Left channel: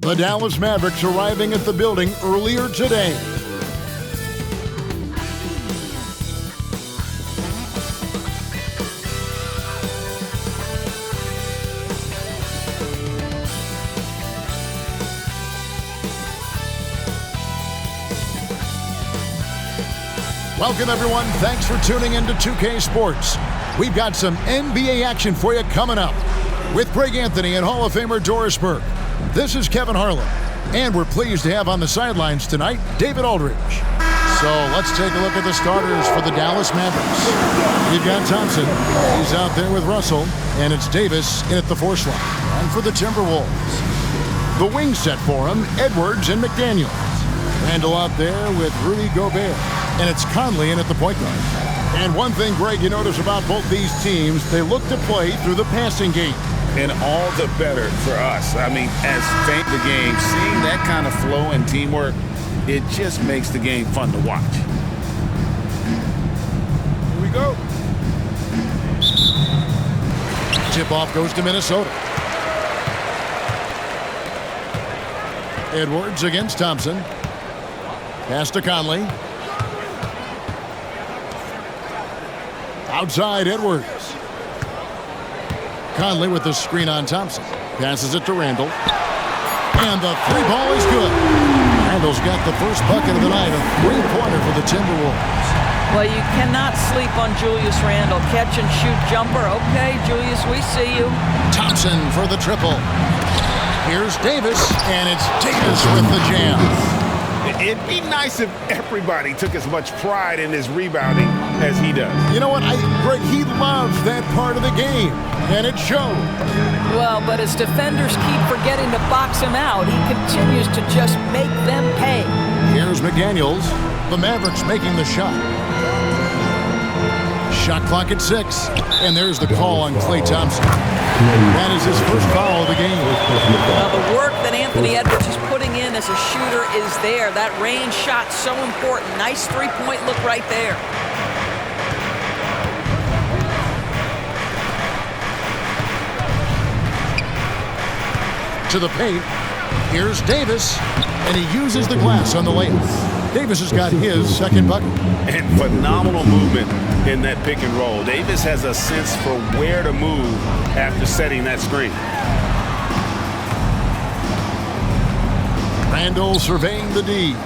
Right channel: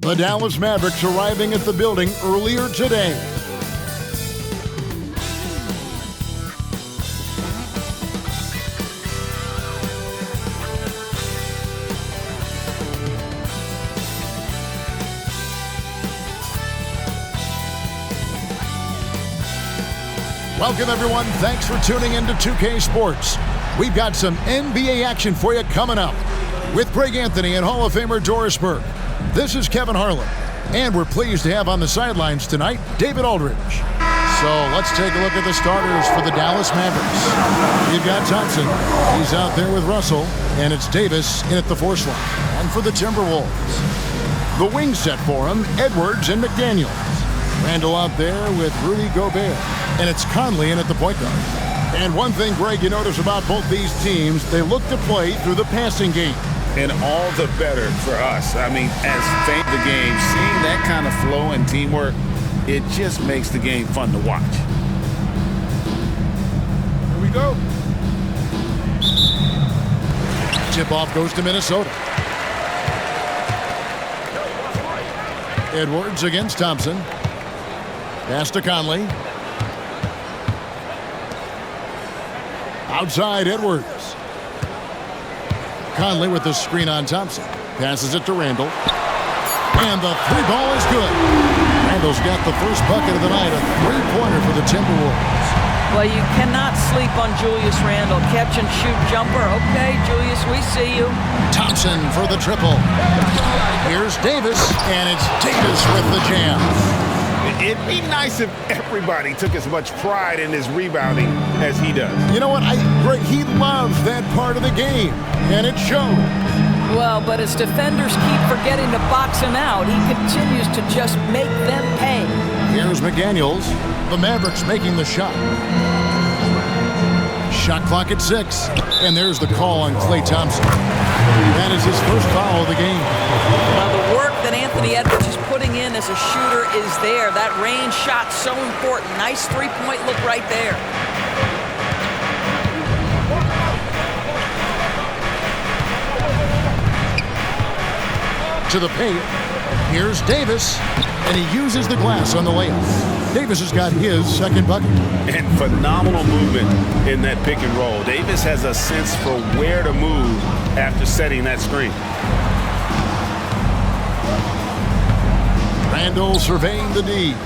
The Dallas Mavericks arriving at the building earlier today. Welcome, everyone. Thanks for tuning into 2K Sports. We've got some NBA action for you coming up with Greg Anthony and Hall of Famer Doris Burke. This is Kevin Harlan, and we're pleased to have on the sidelines tonight David Aldridge. So let's take a look at the starters for the Dallas Mavericks. We've got Thompson. He's out there with Russell, and it's Davis in at the 4 slot. And for the Timberwolves, the wing set for him, Edwards and McDaniels. Randall out there with Rudy Gobert. And it's Conley in at the point guard. And one thing, Greg, you notice about both these teams, they look to play through the passing game. And all the better for us. I mean, as fans of the game, seeing that kind of flow and teamwork, it just makes the game fun to watch. Here we go. Tip-off goes to Minnesota. Edwards against Thompson. Pass to Conley. Outside, Edwards. Conley with the screen on Thompson. Passes it to Randall. And the 3 ball is good. Randall's got the first bucket of the night, a 3-pointer for the Timberwolves. Well, you cannot sleep on Julius Randall. Catch and shoot jumper. Okay, Julius, we see you. Thompson for the triple. Here's Davis, and it's Davis with the jam. It'd be nice if everybody took as much pride in his rebounding as he does. You know what? Greg, he loves that part of the game, and it shows. Well, but as defenders keep forgetting to box him out, he continues to just make them pay. Here's McDaniels. The Mavericks making the shot. Shot clock at 6, and there's the call on Klay Thompson. That is his first foul of the game. The work that Anthony Edwards is putting in as a shooter is there. That range shot so important. Nice 3-point look right there. To the paint. Here's Davis, and he uses the glass on the layup. Davis has got his second bucket. And phenomenal movement in that pick and roll. Davis has a sense for where to move after setting that screen. Randall surveying the D.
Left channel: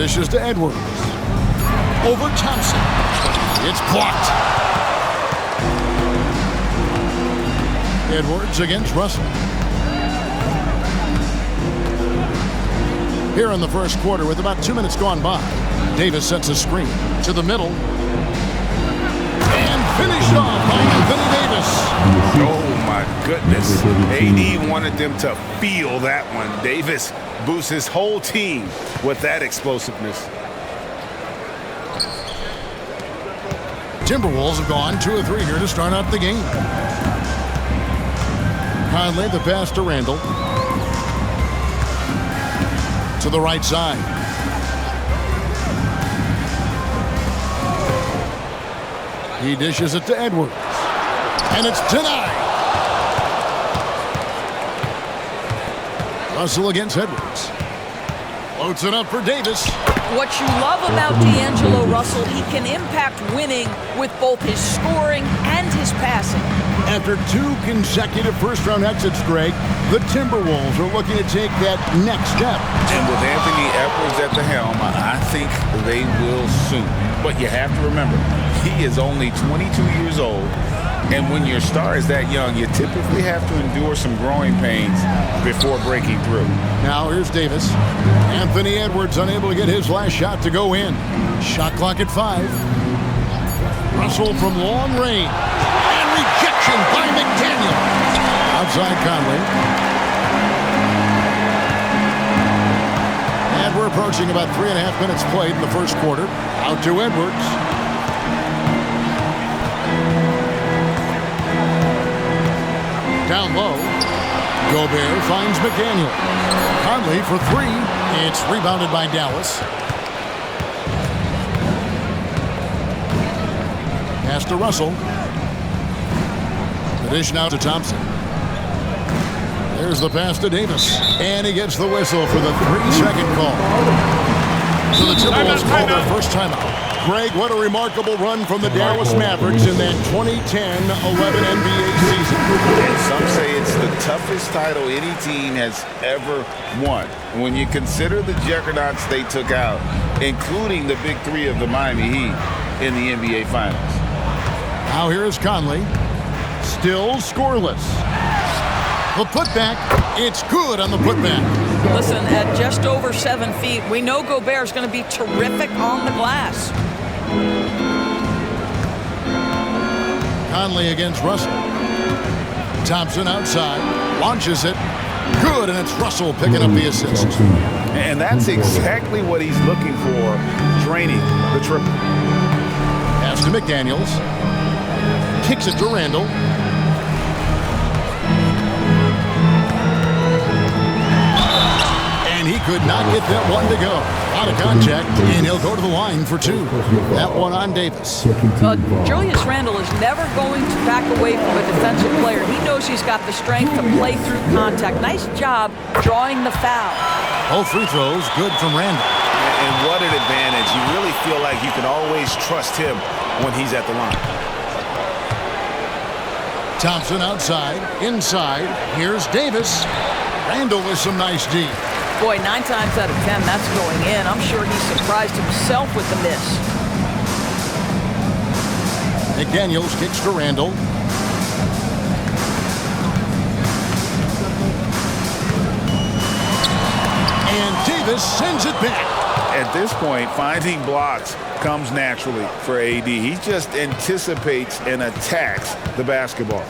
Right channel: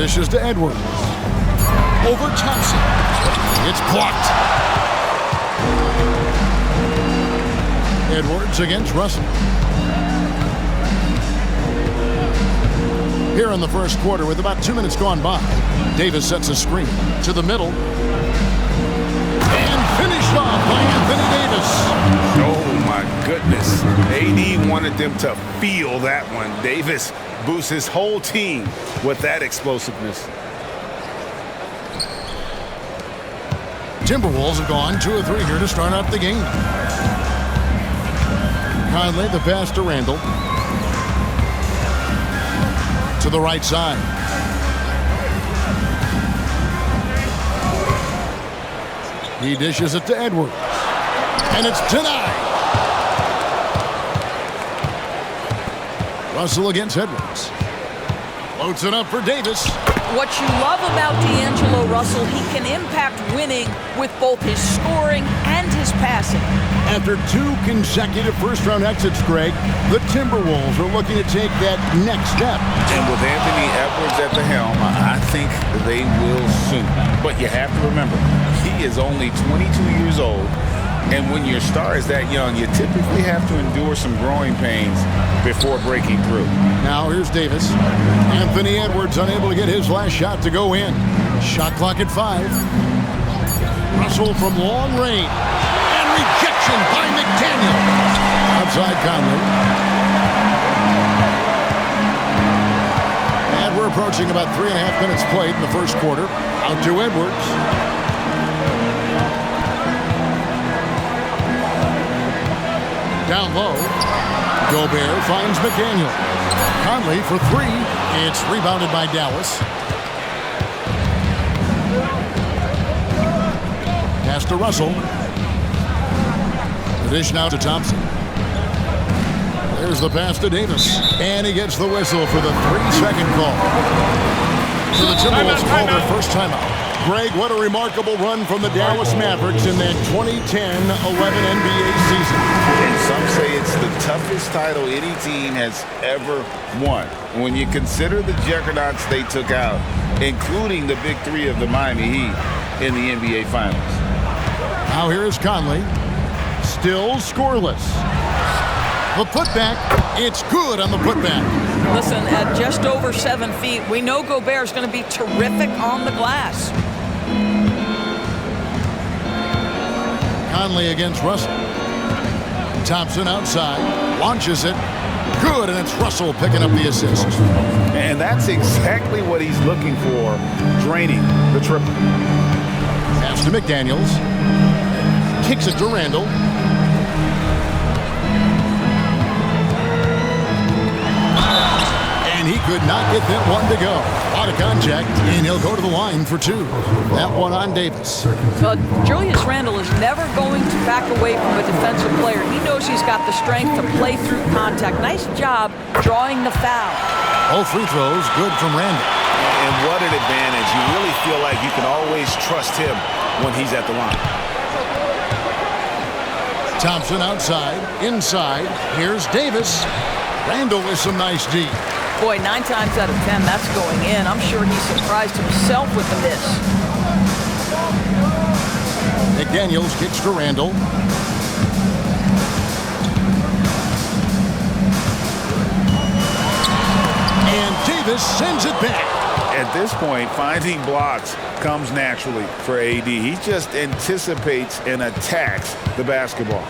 Dishes to Edwards. Over Thompson. It's blocked. Edwards against Russell. Here in the first quarter, with about 2 minutes gone by, Davis sets a screen to the middle. And finished off by Anthony Davis. Oh, my goodness. AD wanted them to feel that one. Davis boosts his whole team with that explosiveness. Timberwolves have gone 2 of 3 here to start out the game. Conley, the pass to Randall. To the right side. He dishes it to Edwards. And it's denied. Russell against Edwards. Floats it up for Davis. What you love about D'Angelo Russell, he can impact winning with both his scoring and his passing. After 2 consecutive first-round exits, Greg, the Timberwolves are looking to take that next step. And with Anthony Edwards at the helm, I think they will soon. But you have to remember, he is only 22 years old. And when your star is that young, you typically have to endure some growing pains before breaking through. Now here's Davis. Anthony Edwards unable to get his last shot to go in. Shot clock at 5. Russell from long range. And rejection by McDaniels. Outside Conley. And we're approaching about 3.5 minutes played in the first quarter. Out to Edwards. Down low. Gobert finds McDaniels. Conley for 3. It's rebounded by Dallas. Pass to Russell. The dish now to Thompson. There's the pass to Davis. And he gets the whistle for the 3-second call. So the Timberwolves call their first timeout. Greg, what a remarkable run from the Dallas Mavericks in that 2010-11 NBA season. And some say it's the toughest title any team has ever won. When you consider the juggernauts they took out, including the big three of the Miami Heat in the NBA Finals. Now here is Conley. Still scoreless. The putback, it's good on the putback. Listen, at just over 7 feet, we know Gobert is going to be terrific on the glass. Conley against Russell. Thompson outside, launches it. Good, and it's Russell picking up the assist. And that's exactly what he's looking for, draining the triple. Pass to McDaniels. Kicks it to Randall. And he could not get that one to go. A lot of contact, and he'll go to the line for 2. That one on Davis. Julius Randle is never going to back away from a defensive player. He knows he's got the strength to play through contact. Nice job drawing the foul. Both free throws, good from Randle. And what an advantage. You really feel like you can always trust him when he's at the line. Thompson outside, inside. Here's Davis. Randle with some nice D. Boy, 9 times out of 10, that's going in. I'm sure he surprised himself with the miss. McDaniels kicks to Randle. And Davis sends it back. At this point, finding blocks comes naturally for AD. He just anticipates and attacks the basketball.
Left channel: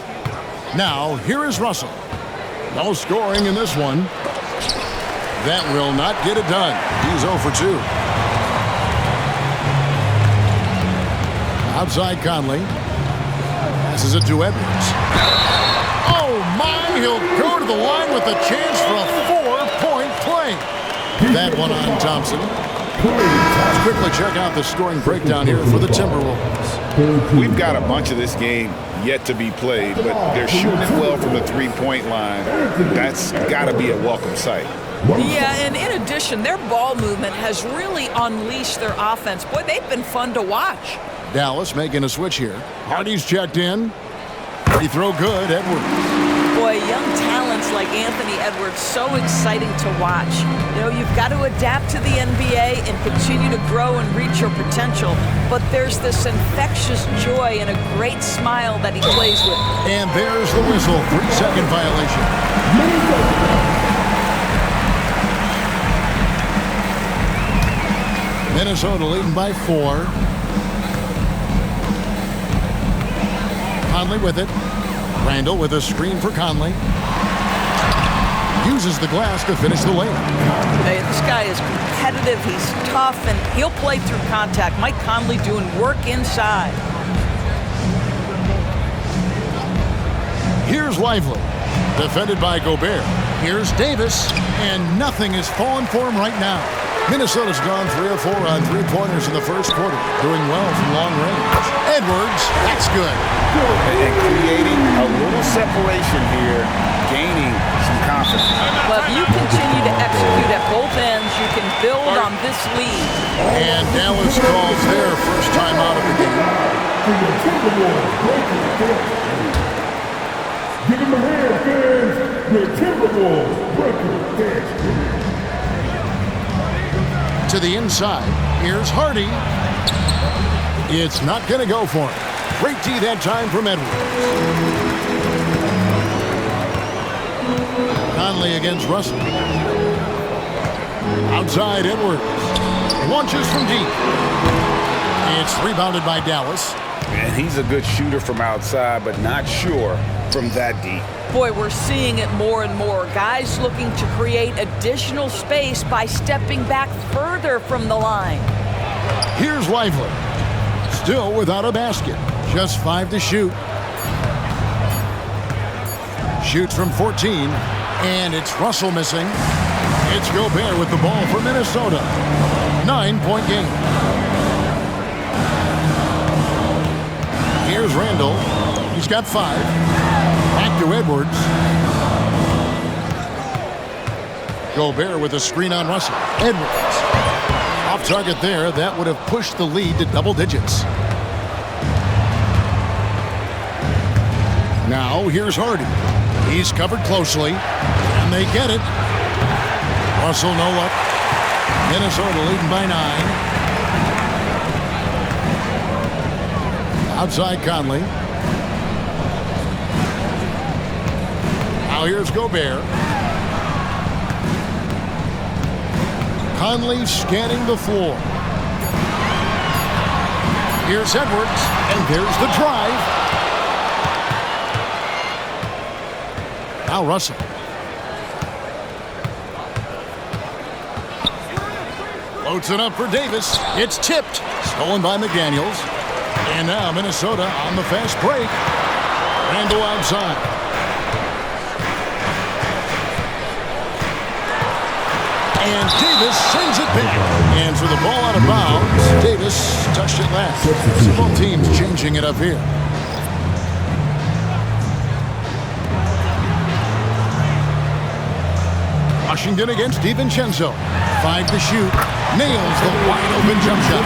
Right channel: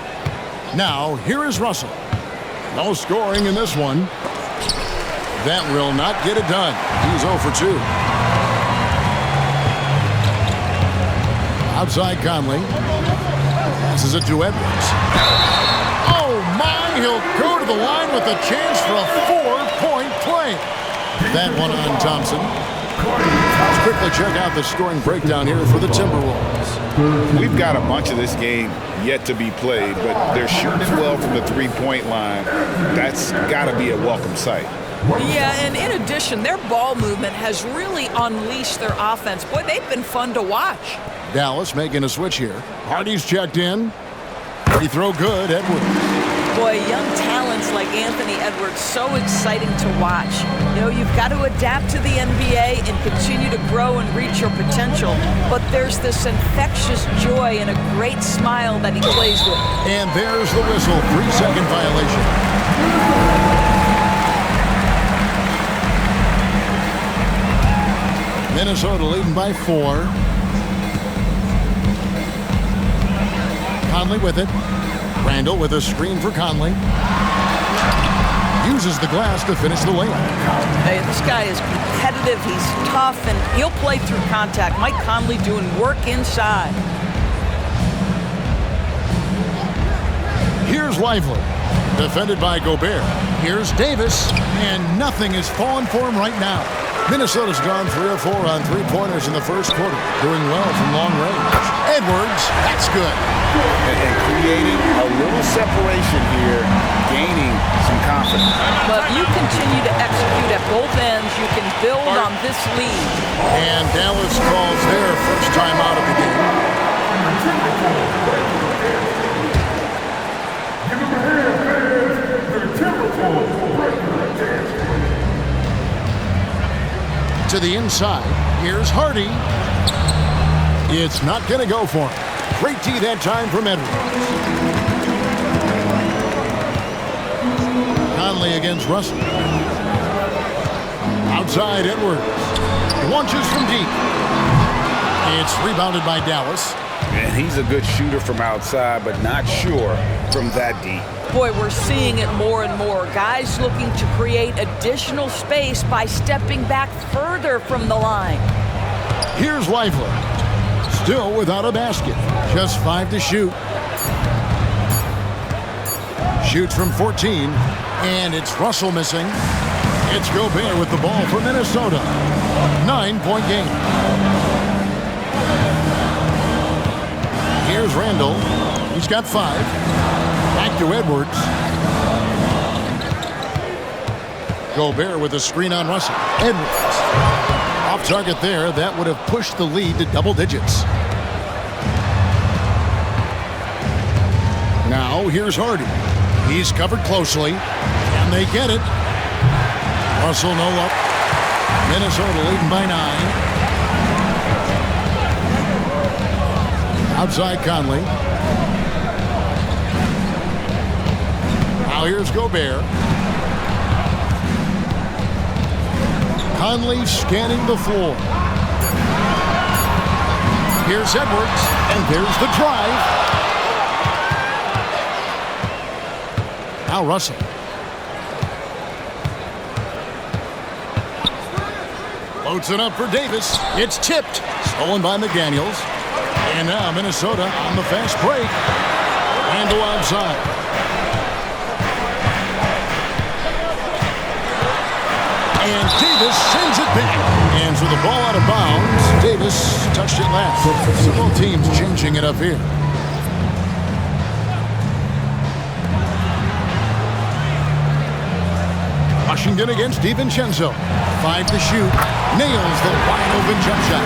Now, here is Russell. No scoring in this one. That will not get it done. He's 0 for 2. Outside Conley. Passes it to Edwards. Oh my, he'll go to the line with a chance for a 4-point play. That one on Thompson. Let's quickly check out the scoring breakdown here for the Timberwolves. We've got a bunch of this game yet to be played, but they're shooting it well from the 3-point line. That's got to be a welcome sight. Yeah, and in addition, their ball movement has really unleashed their offense. Boy, they've been fun to watch. Dallas making a switch here. Hardy's checked in. Free throw good, Edwards. Boy, young talents like Anthony Edwards, so exciting to watch. You know, you've got to adapt to the NBA and continue to grow and reach your potential. But there's this infectious joy and a great smile that he plays with. And there's the whistle, 3-second violation. Minnesota leading by 4. Conley with it. Randall with a screen for Conley. Uses the glass to finish the layup. Hey, this guy is competitive. He's tough, and he'll play through contact. Mike Conley doing work inside. Here's Lively. Defended by Gobert. Here's Davis. And nothing is falling for him right now. Minnesota's gone 3 of 4 on 3-pointers in the first quarter. Doing well from long range. Edwards, that's good. And creating a little separation here, gaining some confidence. But if you continue to execute at both ends, you can build on this lead. And Dallas calls their first time out of the game. Give them a hand, fans. The Timberwolves breaking dance. To the inside, here's Hardy. It's not going to go for him. Great D that time from Edwards. Conley against Russell. Outside Edwards. Launches from deep. It's rebounded by Dallas. And he's a good shooter from outside, but not sure from that deep. Boy, we're seeing it more and more. Guys looking to create additional space by stepping back further from the line. Here's Lively. Still without a basket. Just 5 to shoot. Shoots from 14. And it's Russell missing. It's Gobert with the ball for Minnesota. 9-point game. Here's Randall. He's got 5. Back to Edwards. Gobert with a screen on Russell. Edwards. Off target there. That would have pushed the lead to double digits. Now here's Hardy. He's covered closely. And they get it. Russell no luck. Minnesota leading by 9. Outside Conley. Now here's Gobert. Conley scanning the floor. Here's Edwards, and there's the drive. Now Russell. Floats it up for Davis. It's tipped. Stolen by McDaniels. And now Minnesota on the fast break. Randle outside. And Davis sends it back. And so the ball out of bounds. Davis touched it last. So both teams changing it up here. Washington against DiVincenzo. 5 to shoot. Nails the wide open jump shot.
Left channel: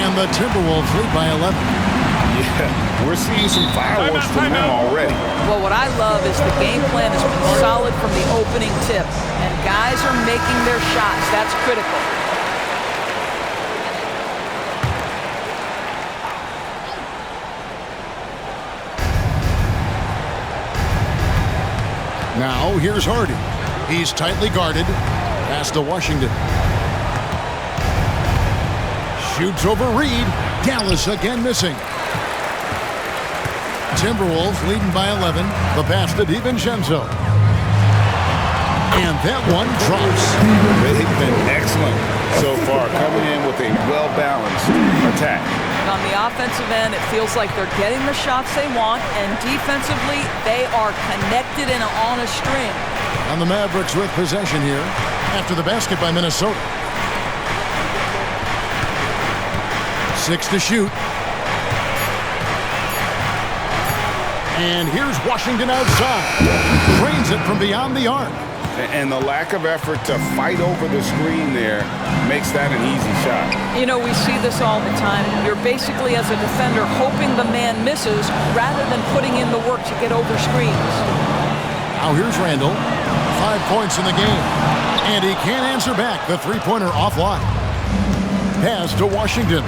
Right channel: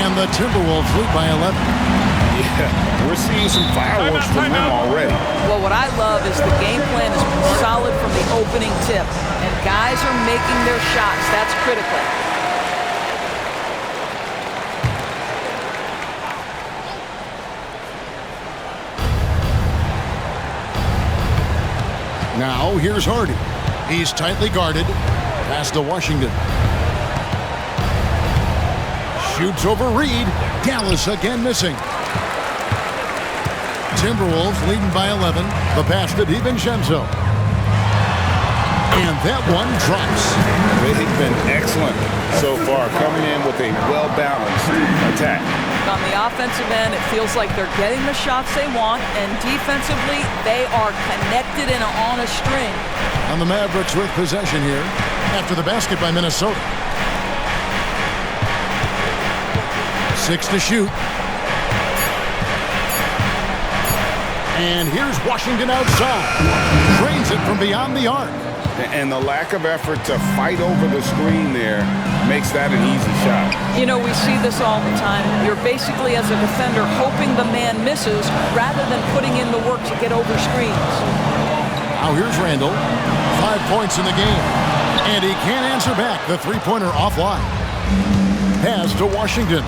And the Timberwolves lead by 11. Yeah, we're seeing some fireworks from them already. Well, what I love is the game plan has been solid from the opening tip. And guys are making their shots. That's critical. Now here's Hardy. He's tightly guarded. Pass to Washington. Shoots over Reed. Dallas again missing. Timberwolves leading by 11. The pass to DiVincenzo. And that one drops. They've been excellent so far, coming in with a well-balanced attack. On the offensive end, it feels like they're getting the shots they want, and defensively, they are connected and on a string. And the Mavericks with possession here after the basket by Minnesota. 6 to shoot. And here's Washington outside. Drains it from beyond the arc. And the lack of effort to fight over the screen there makes that an easy shot. You know, we see this all the time. You're basically, as a defender, hoping the man misses rather than putting in the work to get over screens. Now here's Randle. 5 points in the game. And he can't answer back. The three-pointer offline. Pass to Washington.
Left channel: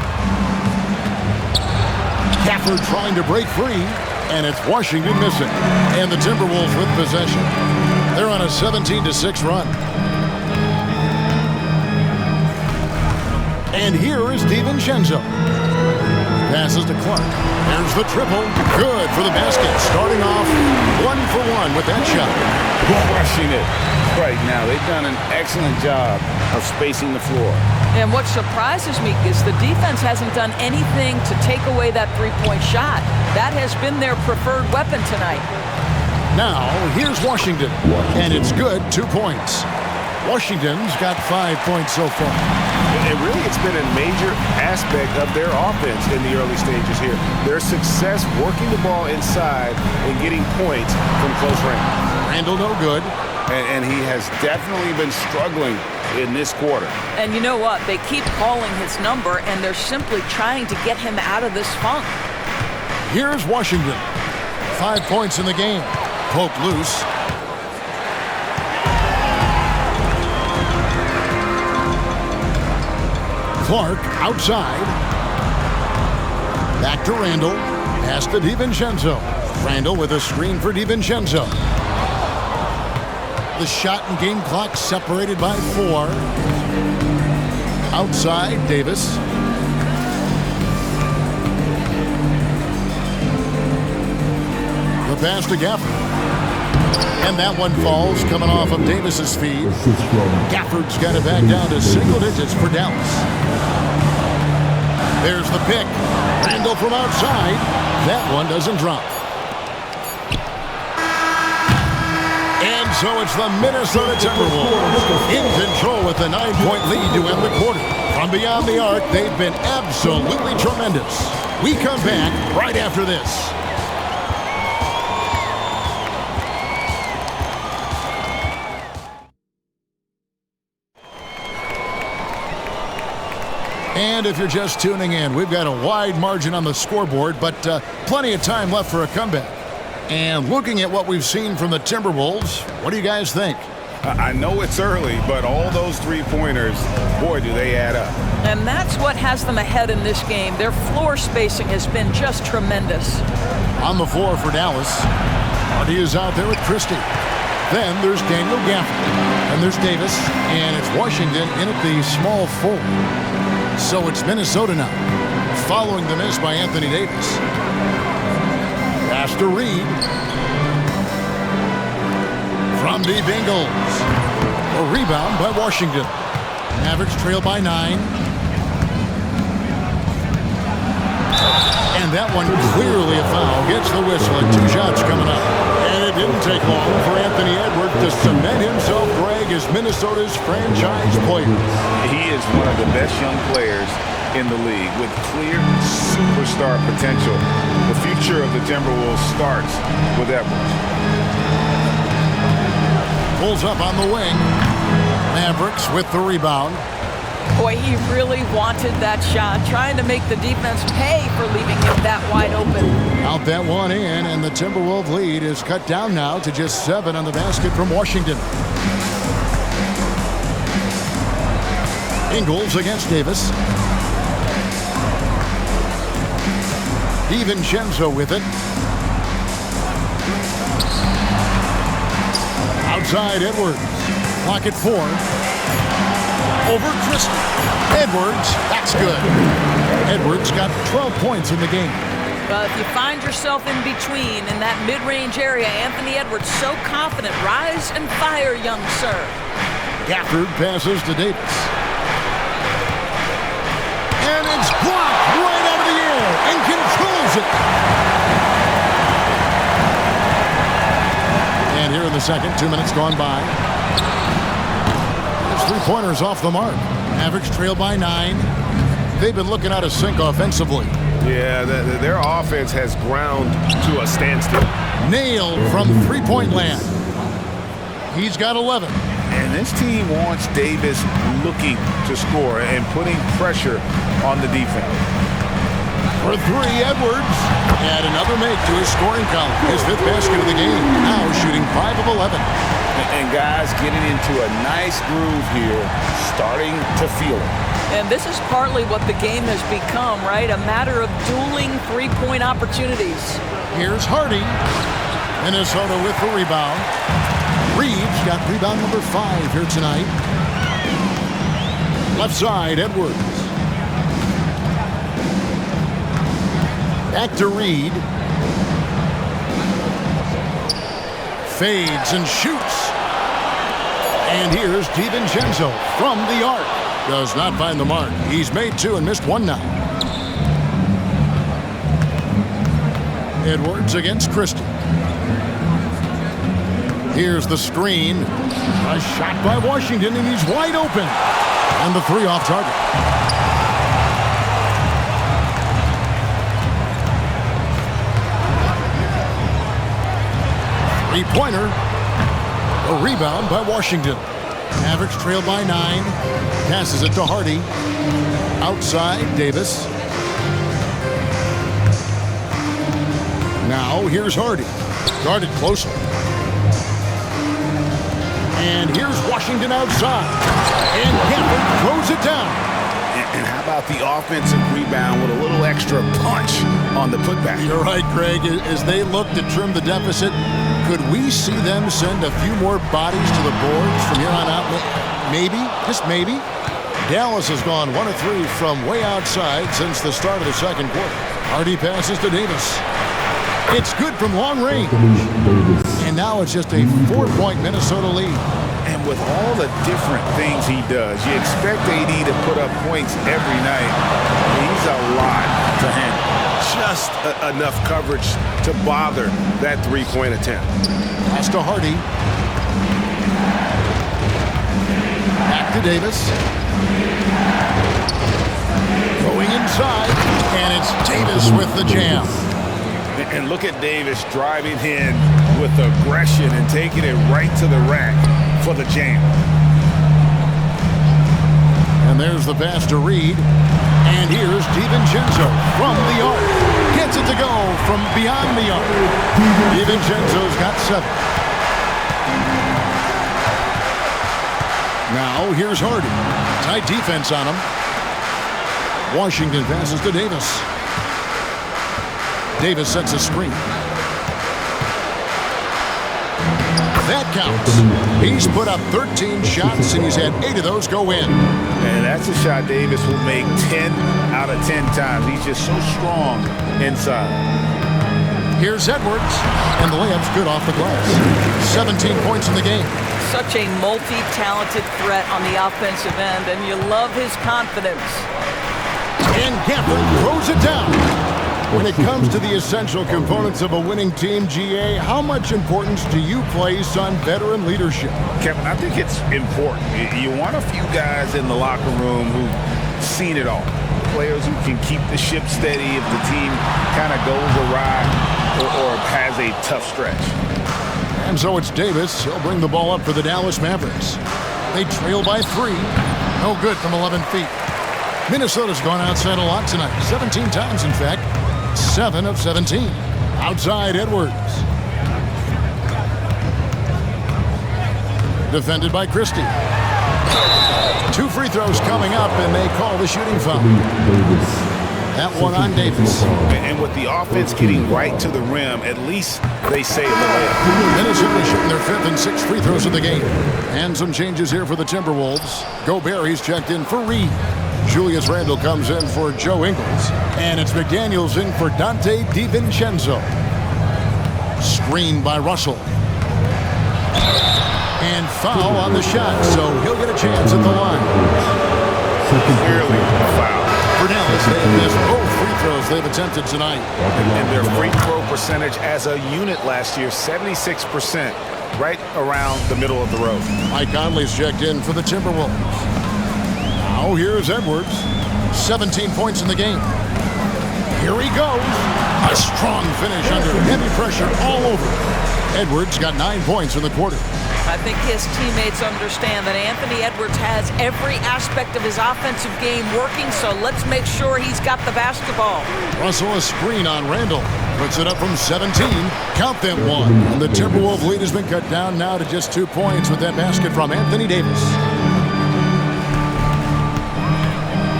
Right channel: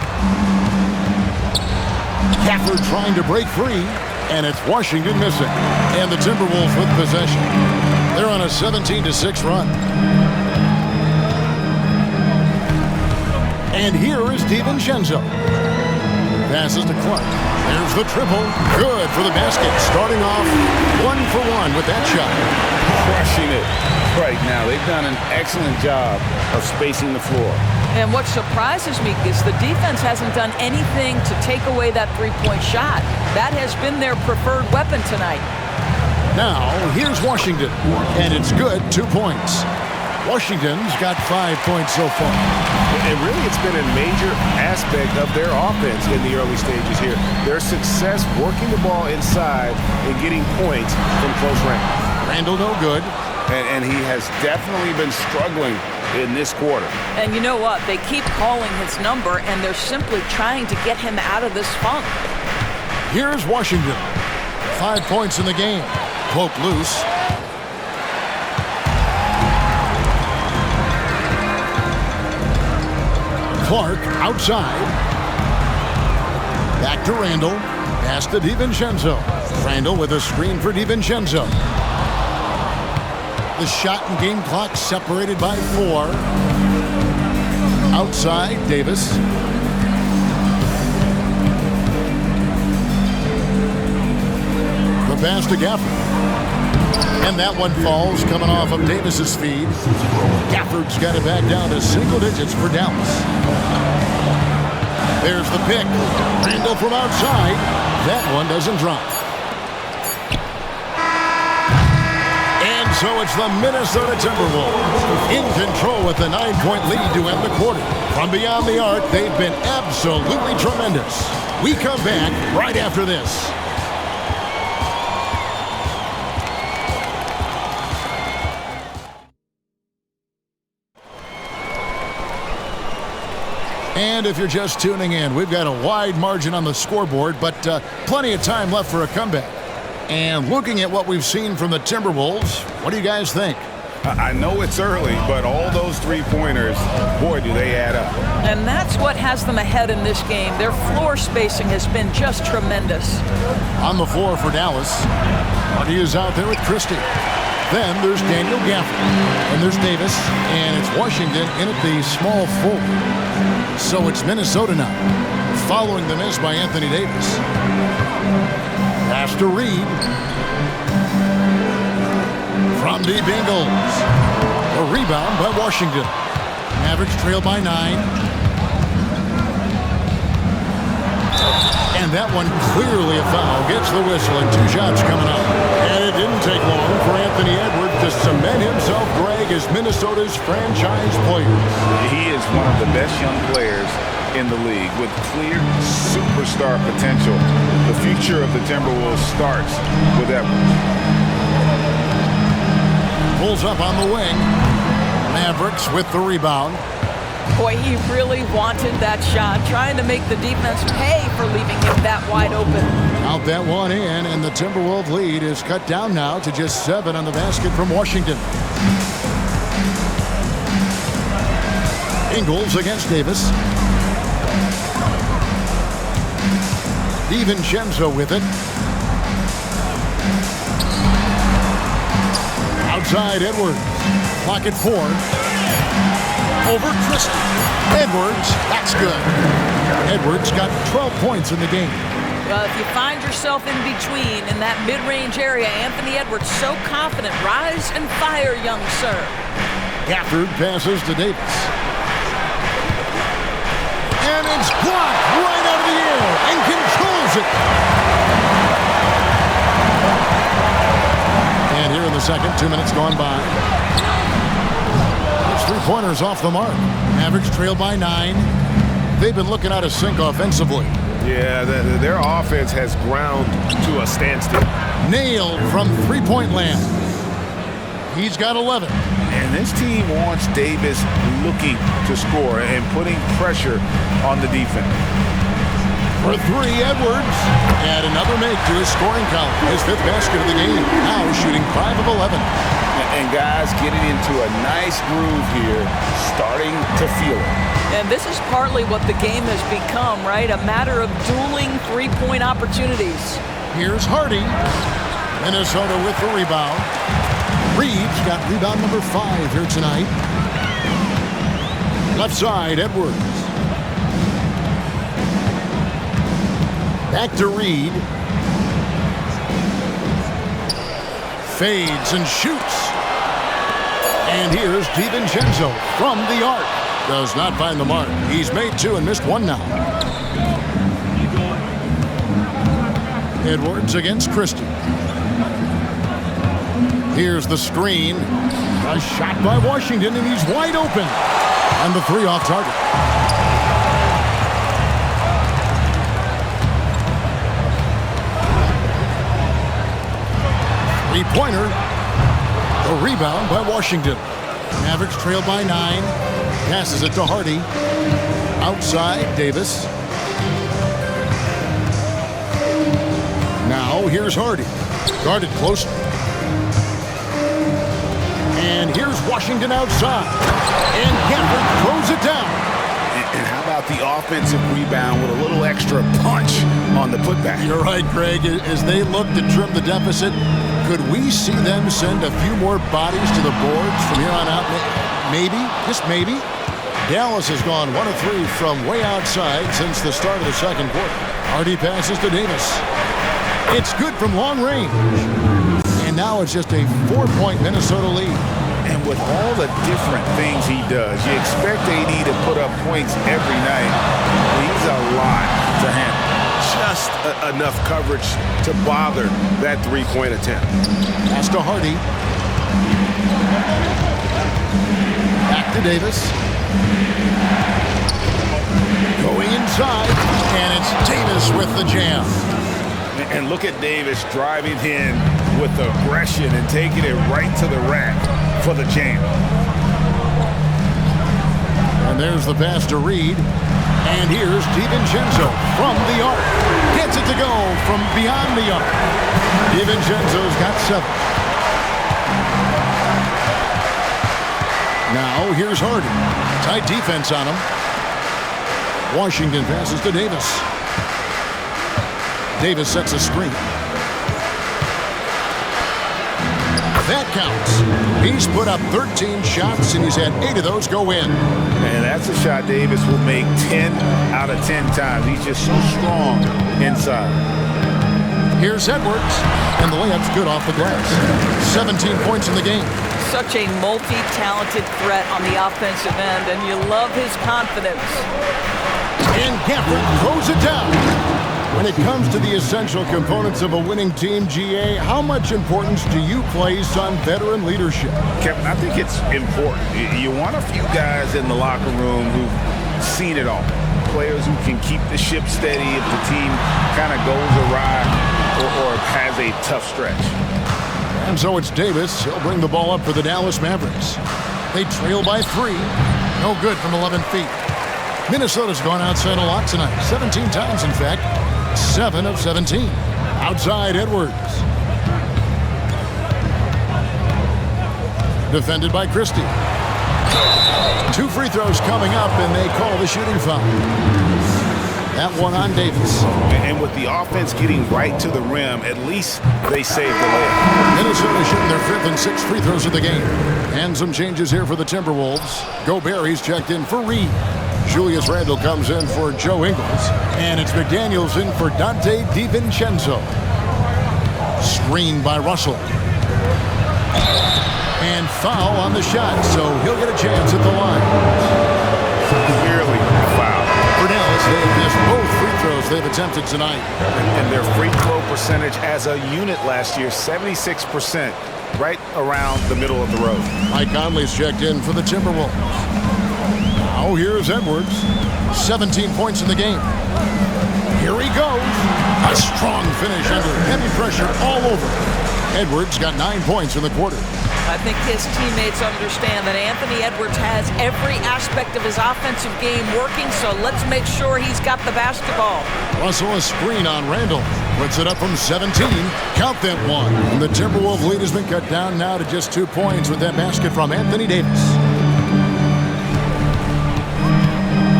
Gafford trying to break free. And it's Washington missing. And the Timberwolves with possession. They're on a 17-6 run. And here is DiVincenzo. Passes to Clark. There's the triple. Good for the basket. Starting off 1 for 1 with that shot. Crushing it right now. They've done an excellent job of spacing the floor. And what surprises me is the defense hasn't done anything to take away that three-point shot. That has been their preferred weapon tonight. Now, here's Washington. And it's good. 2 points. Washington's got 5 points so far. And really, it's been a major aspect of their offense in the early stages here. Their success working the ball inside and getting points from close range. Randle no good. And he has definitely been struggling in this quarter. And you know what? They keep calling his number, and they're simply trying to get him out of this funk. Here's Washington. 5 points in the game. Poke loose. Clark outside. Back to Randle. Pass to DiVincenzo. Randle with a screen for DiVincenzo. The shot and game clock separated by 4. Outside, Davis. The pass to Gafford. And that one falls coming off of Davis's feed. Gafford's got it back down to single digits for Dallas. There's the pick. Randle from outside. That one doesn't drop. And so it's the Minnesota Timberwolves in control with a 9-point lead to end the quarter. From beyond the arc, they've been absolutely tremendous. We come back right after this. And if you're just tuning in, we've got a wide margin on the scoreboard, but plenty of time left for a comeback. And looking at what we've seen from the Timberwolves, what do you guys think? I know it's early, but all those three-pointers, boy, do they add up. And that's what has them ahead in this game. Their floor spacing has been just tremendous. On the floor for Dallas, Hardy is out there with Christie. Then there's Daniel Gafford, and there's Davis, and it's Washington in at the small forward. So it's Minnesota now, following the miss by Anthony Davis. Pass to Reed. From deep Ingles. A rebound by Washington. Mavericks trail by 9. And that one clearly a foul. Gets the whistle and 2 shots coming up. And it didn't take long for Anthony Edwards to cement himself, Greg, as Minnesota's franchise player. He is one of the best young players in the league with clear superstar potential. The future of the Timberwolves starts with Edwards. Pulls up on the wing. Mavericks with the rebound. Boy, he really wanted that shot, trying to make the defense pay for leaving him that wide open. Out that one in, and the Timberwolves lead is cut down now to just 7 on the basket from Washington. Ingles against Davis. DiVincenzo with it. Outside Edwards. Clock at 4. Over Christie. Edwards, that's good. Edwards got 12 points in the game. Well, if you find yourself in between in that mid-range area, Anthony Edwards so confident. Rise and fire, young sir. Gafford passes to Davis. And it's blocked right out of the air and controls it. And here in the second, 2 minutes gone by. His three-pointers off the mark. Mavericks trail by 9. They've been looking out of sync offensively. Yeah, their offense has ground to a standstill. Nailed from three-point land. He's got 11. And this team wants Davis looking to score and putting pressure on the defense. For 3, Edwards. Add another make to his scoring column. His 5th basket of the game. Now shooting 5 of 11. And guys getting into a nice groove here, starting to feel it. And this is partly what the game has become, right? A matter of dueling three-point opportunities. Here's Hardy. Minnesota with the rebound. Reeves got rebound number 5 here tonight. Left side, Edwards. Back to Reed. Fades and shoots. And here's DiVincenzo from the arc. Does not find the mark. He's made 2 and missed 1 now. Edwards against Christie. Here's the screen. A shot by Washington, and he's wide open. And the 3 off target. Three-pointer. The rebound by Washington. Mavericks trail by 9. Passes it to Hardy. Outside, Davis. Now here's Hardy. Guarded closely. And here's Washington outside. And Gafford throws it down. And how about the offensive rebound with a little extra punch on the putback? You're right, Greg. As they look to trim the deficit, could we see them send a few more bodies to the boards from here on out? Maybe, just maybe. Dallas has gone 1 of 3 from way outside since the start of the second quarter. Hardy passes to Davis. It's good from long range. And now it's just a 4-point Minnesota lead. And with all the different things he does, you expect AD to put up points every night. He's a lot to handle. Just enough coverage to bother that 3-point attempt. Pass to Hardy. Back to Davis. Going inside, and it's Davis with the jam. And look at Davis driving in with aggression and taking it right to the rack for the jam. And there's the pass to Reed. And here's DiVincenzo from the arc. Gets it to go from beyond the arc. DiVincenzo's got 7. Now here's Harden. Tight defense on him. Washington passes to Davis. Davis sets a screen. That counts. He's put up 13 shots, and he's had 8 of those go in. And that's a shot Davis will make 10 out of 10 times. He's just so strong inside. Here's Edwards, and the layup's good off the glass. 17 points in the game. Such a multi-talented threat on the offensive end, and you love his confidence. And Gafford throws it down. When it comes to the essential components of a winning team, GA, how much importance do you place on veteran leadership? Kevin, I think it's important. You want a few guys in the locker room who've seen it all. Players who can keep the ship steady if the team kind of goes awry or has a tough stretch. And so it's Davis. He'll bring the ball up for the Dallas Mavericks. They trail by 3. No good from 11 feet. Minnesota's gone outside a lot tonight. 17 times, in fact. 7 of 17. Outside Edwards. Defended by Christie. 2 free throws coming up, and they call the shooting foul. That one on Davis. And with the offense getting right to the rim, at least they saved the layup. Minnesota shooting their 5th and 6th free throws of the game. And some changes here for the Timberwolves. Gobert, he's checked in for Reed. Julius Randle comes in for Joe Ingles. And it's McDaniels in for Dante DiVincenzo. Screened by Russell. And foul on the shot, so he'll get a chance at the line. Clearly a foul. For Dallas, they have missed both free throws they've attempted tonight. And their free throw percentage as a unit last year, 76%, right around the middle of the road. Mike Conley's checked in for the Timberwolves. Now here's Edwards. 17 points in the game. Here he goes. A strong finish under heavy pressure all over. Edwards got 9 points in the quarter. I think his teammates understand that Anthony Edwards has every aspect of his offensive game working, so let's make sure he's got the basketball. Russell a screen on Randle. Puts it up from 17. Count that one. And the Timberwolves lead has been cut down now to just 2 points with that basket from Anthony Davis.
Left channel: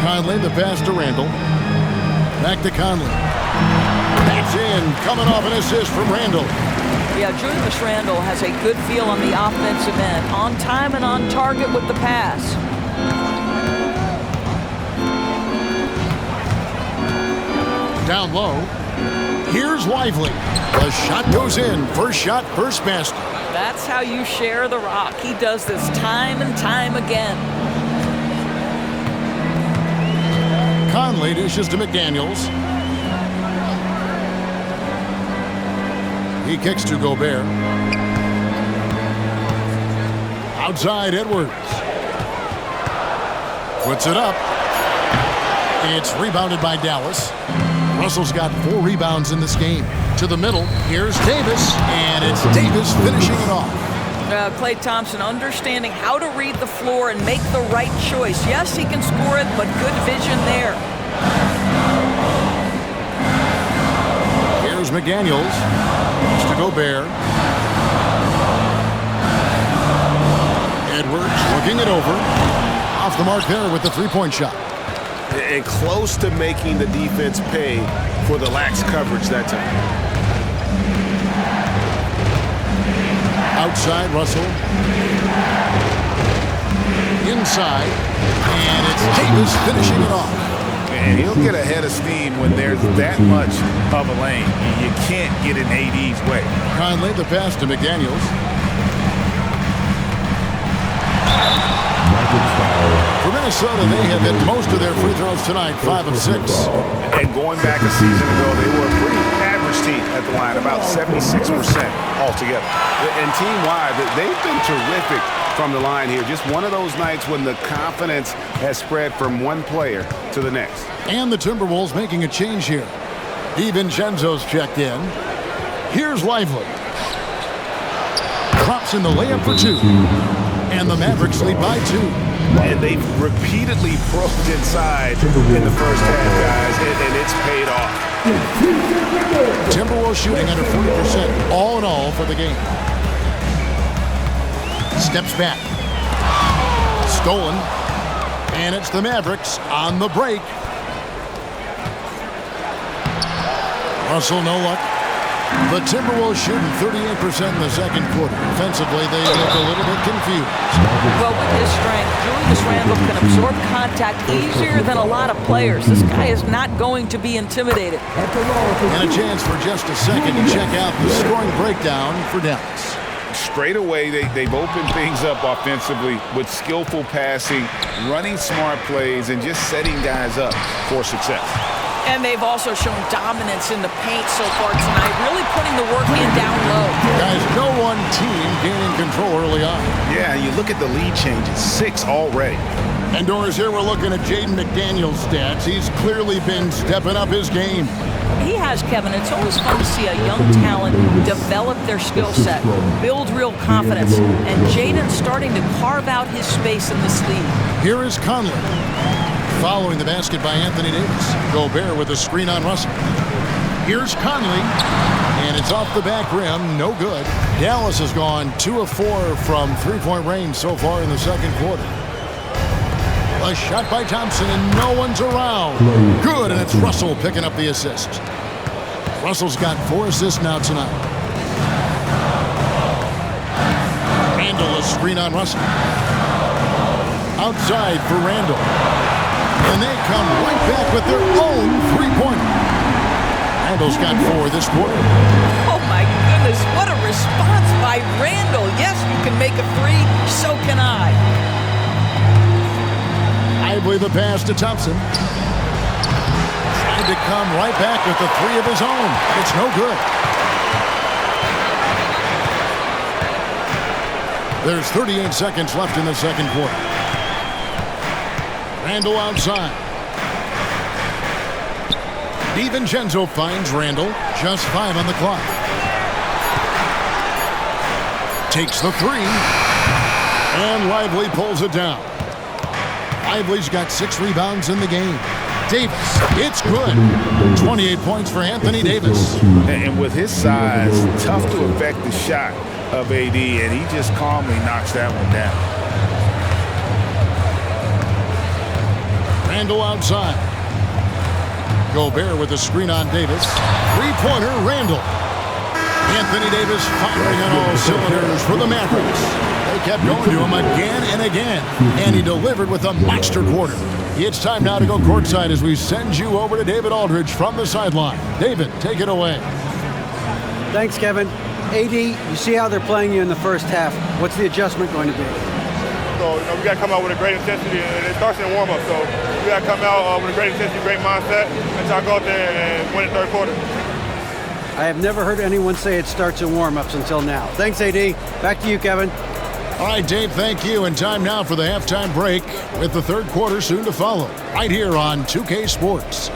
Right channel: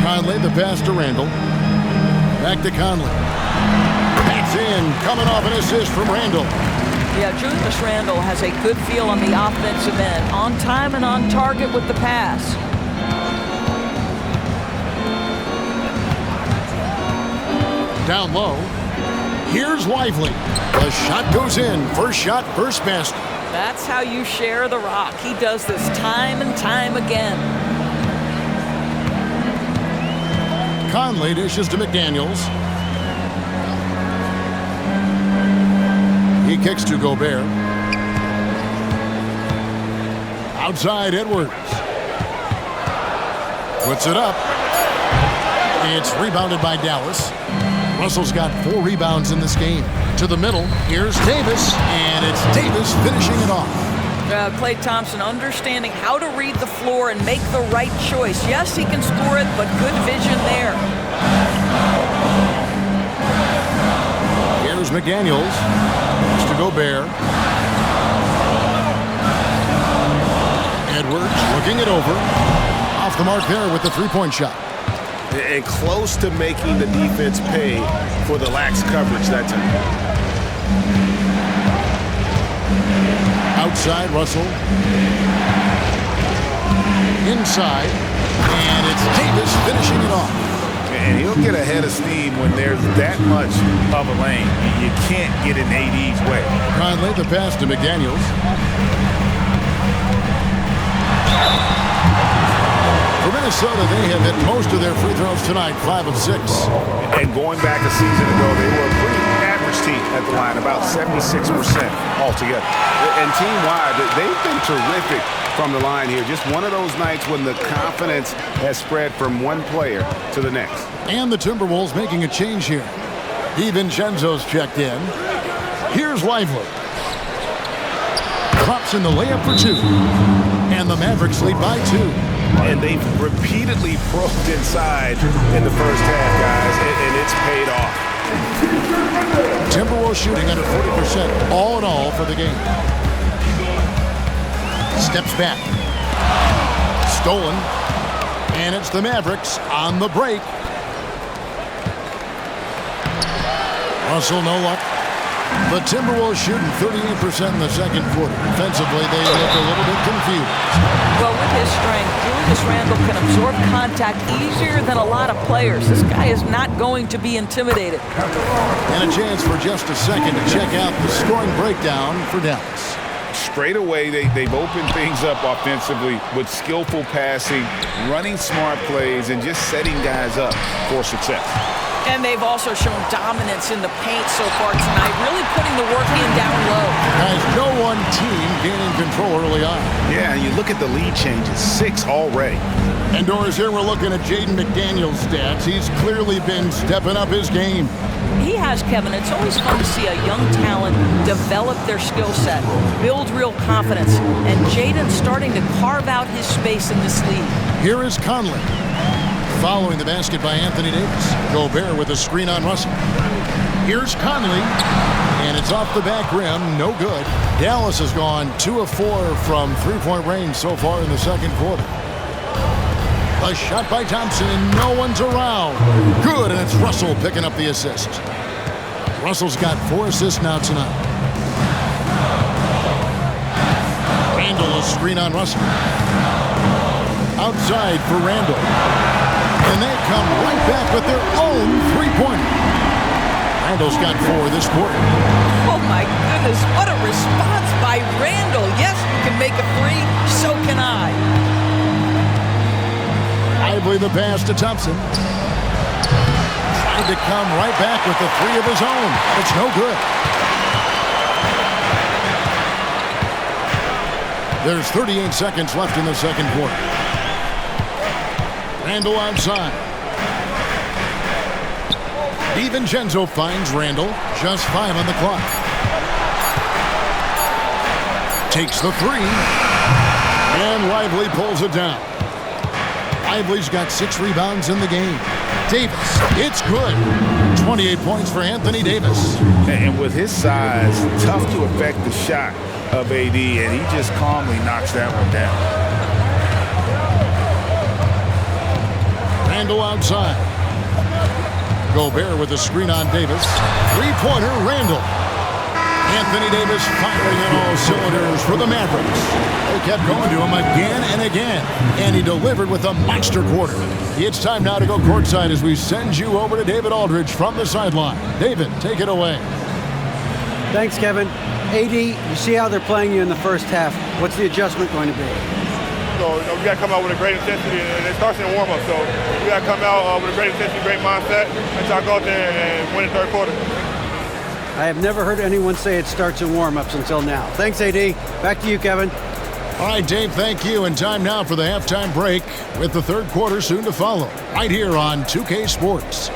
Conley, the pass to Randle. Back to Conley. That's in. Coming off an assist from Randle. Yeah, Julius Randle has a good feel on the offensive end. On time and on target with the pass. Down low. Here's Lively. The shot goes in. First shot, first basket. That's how you share the rock. He does this time and time again. Conley dishes to McDaniels. He kicks to Gobert. Outside Edwards. Puts it up. It's rebounded by Dallas. Russell's got 4 rebounds in this game. To the middle, here's Davis, and it's Davis finishing it off. Klay Thompson understanding how to read the floor and make the right choice. Yes, he can score it, but good vision there. Here's McDaniels. To Gobert. Edwards looking it over. Off the mark there with the 3-point shot. And close to making the defense pay for the lax coverage that time. Outside Russell. Inside. And it's Davis finishing it off. And he'll get ahead of steam when there's that much of a lane. You can't get in AD's way. Conley, the pass to McDaniels. For Minnesota, they have hit most of their free throws tonight, 5 of 6. And going back a season ago, they were a pretty average team at the line, about 76% altogether. And team-wide, they've been terrific from the line here. Just one of those nights when the confidence has spread from one player to the next. And the Timberwolves making a change here. DiVincenzo's checked in. Here's Lively. Drops in the layup for 2. And the Mavericks lead by 2. And they've repeatedly probed inside in the first half, guys, and it's paid off. Timberwolves shooting under 40% all in all for the game. Steps back. Stolen. And it's the Mavericks on the break. Russell, no luck. The Timberwolves shooting 38% in the second quarter. Offensively, they look a little bit confused. Well, with his strength, Julius Randle can absorb contact easier than a lot of players. This guy is not going to be intimidated. And a chance for just a second to check out the scoring breakdown for Dallas. Straight away, they've opened things up offensively with skillful passing, running smart plays, and just setting guys up for success. And they've also shown dominance in the paint so far tonight, really putting the work in down low. Guys, no one team gaining control early on. Yeah, and you look at the lead changes, 6 already. And Doris, here we're looking at Jaden McDaniel's stats. He's clearly been stepping up his game. He has, Kevin. It's always fun to see a young talent develop their skill set, build real confidence, and Jaden's starting to carve out his space in this league. Here is Conley. Following the basket by Anthony Davis. Gobert with a screen on Russell. Here's Conley. And it's off the back rim. No good. Dallas has gone 2 of 4 from three-point range so far in the second quarter. A shot by Thompson, and no one's around. Good, and it's Russell picking up the assist. Russell's got 4 assists now tonight. Randle, a screen on Russell. Outside for Randle. And they come right back with their own three-pointer. Randle's got 4 this quarter. Oh, my goodness. What a response by Randle. Yes, you can make a 3. So can I. Lively the pass to Thompson. Trying to come right back with the 3 of his own. It's no good. There's 38 seconds left in the second quarter. Randle outside. DiVincenzo finds Randle. Just 5 on the clock. Takes the 3. And Lively pulls it down. Lively's got 6 rebounds in the game. Davis, it's good. 28 points for Anthony Davis. And with his size, tough to affect the shot of AD, and he just calmly knocks that one down. Randle outside. Gobert with a screen on Davis. Three-pointer, Randle. Anthony Davis firing on all cylinders for the Mavericks. They kept going to him again and again, and he delivered with a monster quarter. It's time now to go courtside as we send you over to David Aldridge from the sideline. David, take it away. Thanks, Kevin. AD, you see how they're playing you in the first half. What's the adjustment going to be? So, we got to come out with a great intensity, and it starts in warm-up. So, we got to come out with a great intensity, great mindset, and try to go out there and win the third quarter. I have never heard anyone say it starts in warm-ups until now. Thanks, AD. Back to you, Kevin. All right, Dave, thank you. And time now for the halftime break with the third quarter soon to follow, right here on 2K Sports.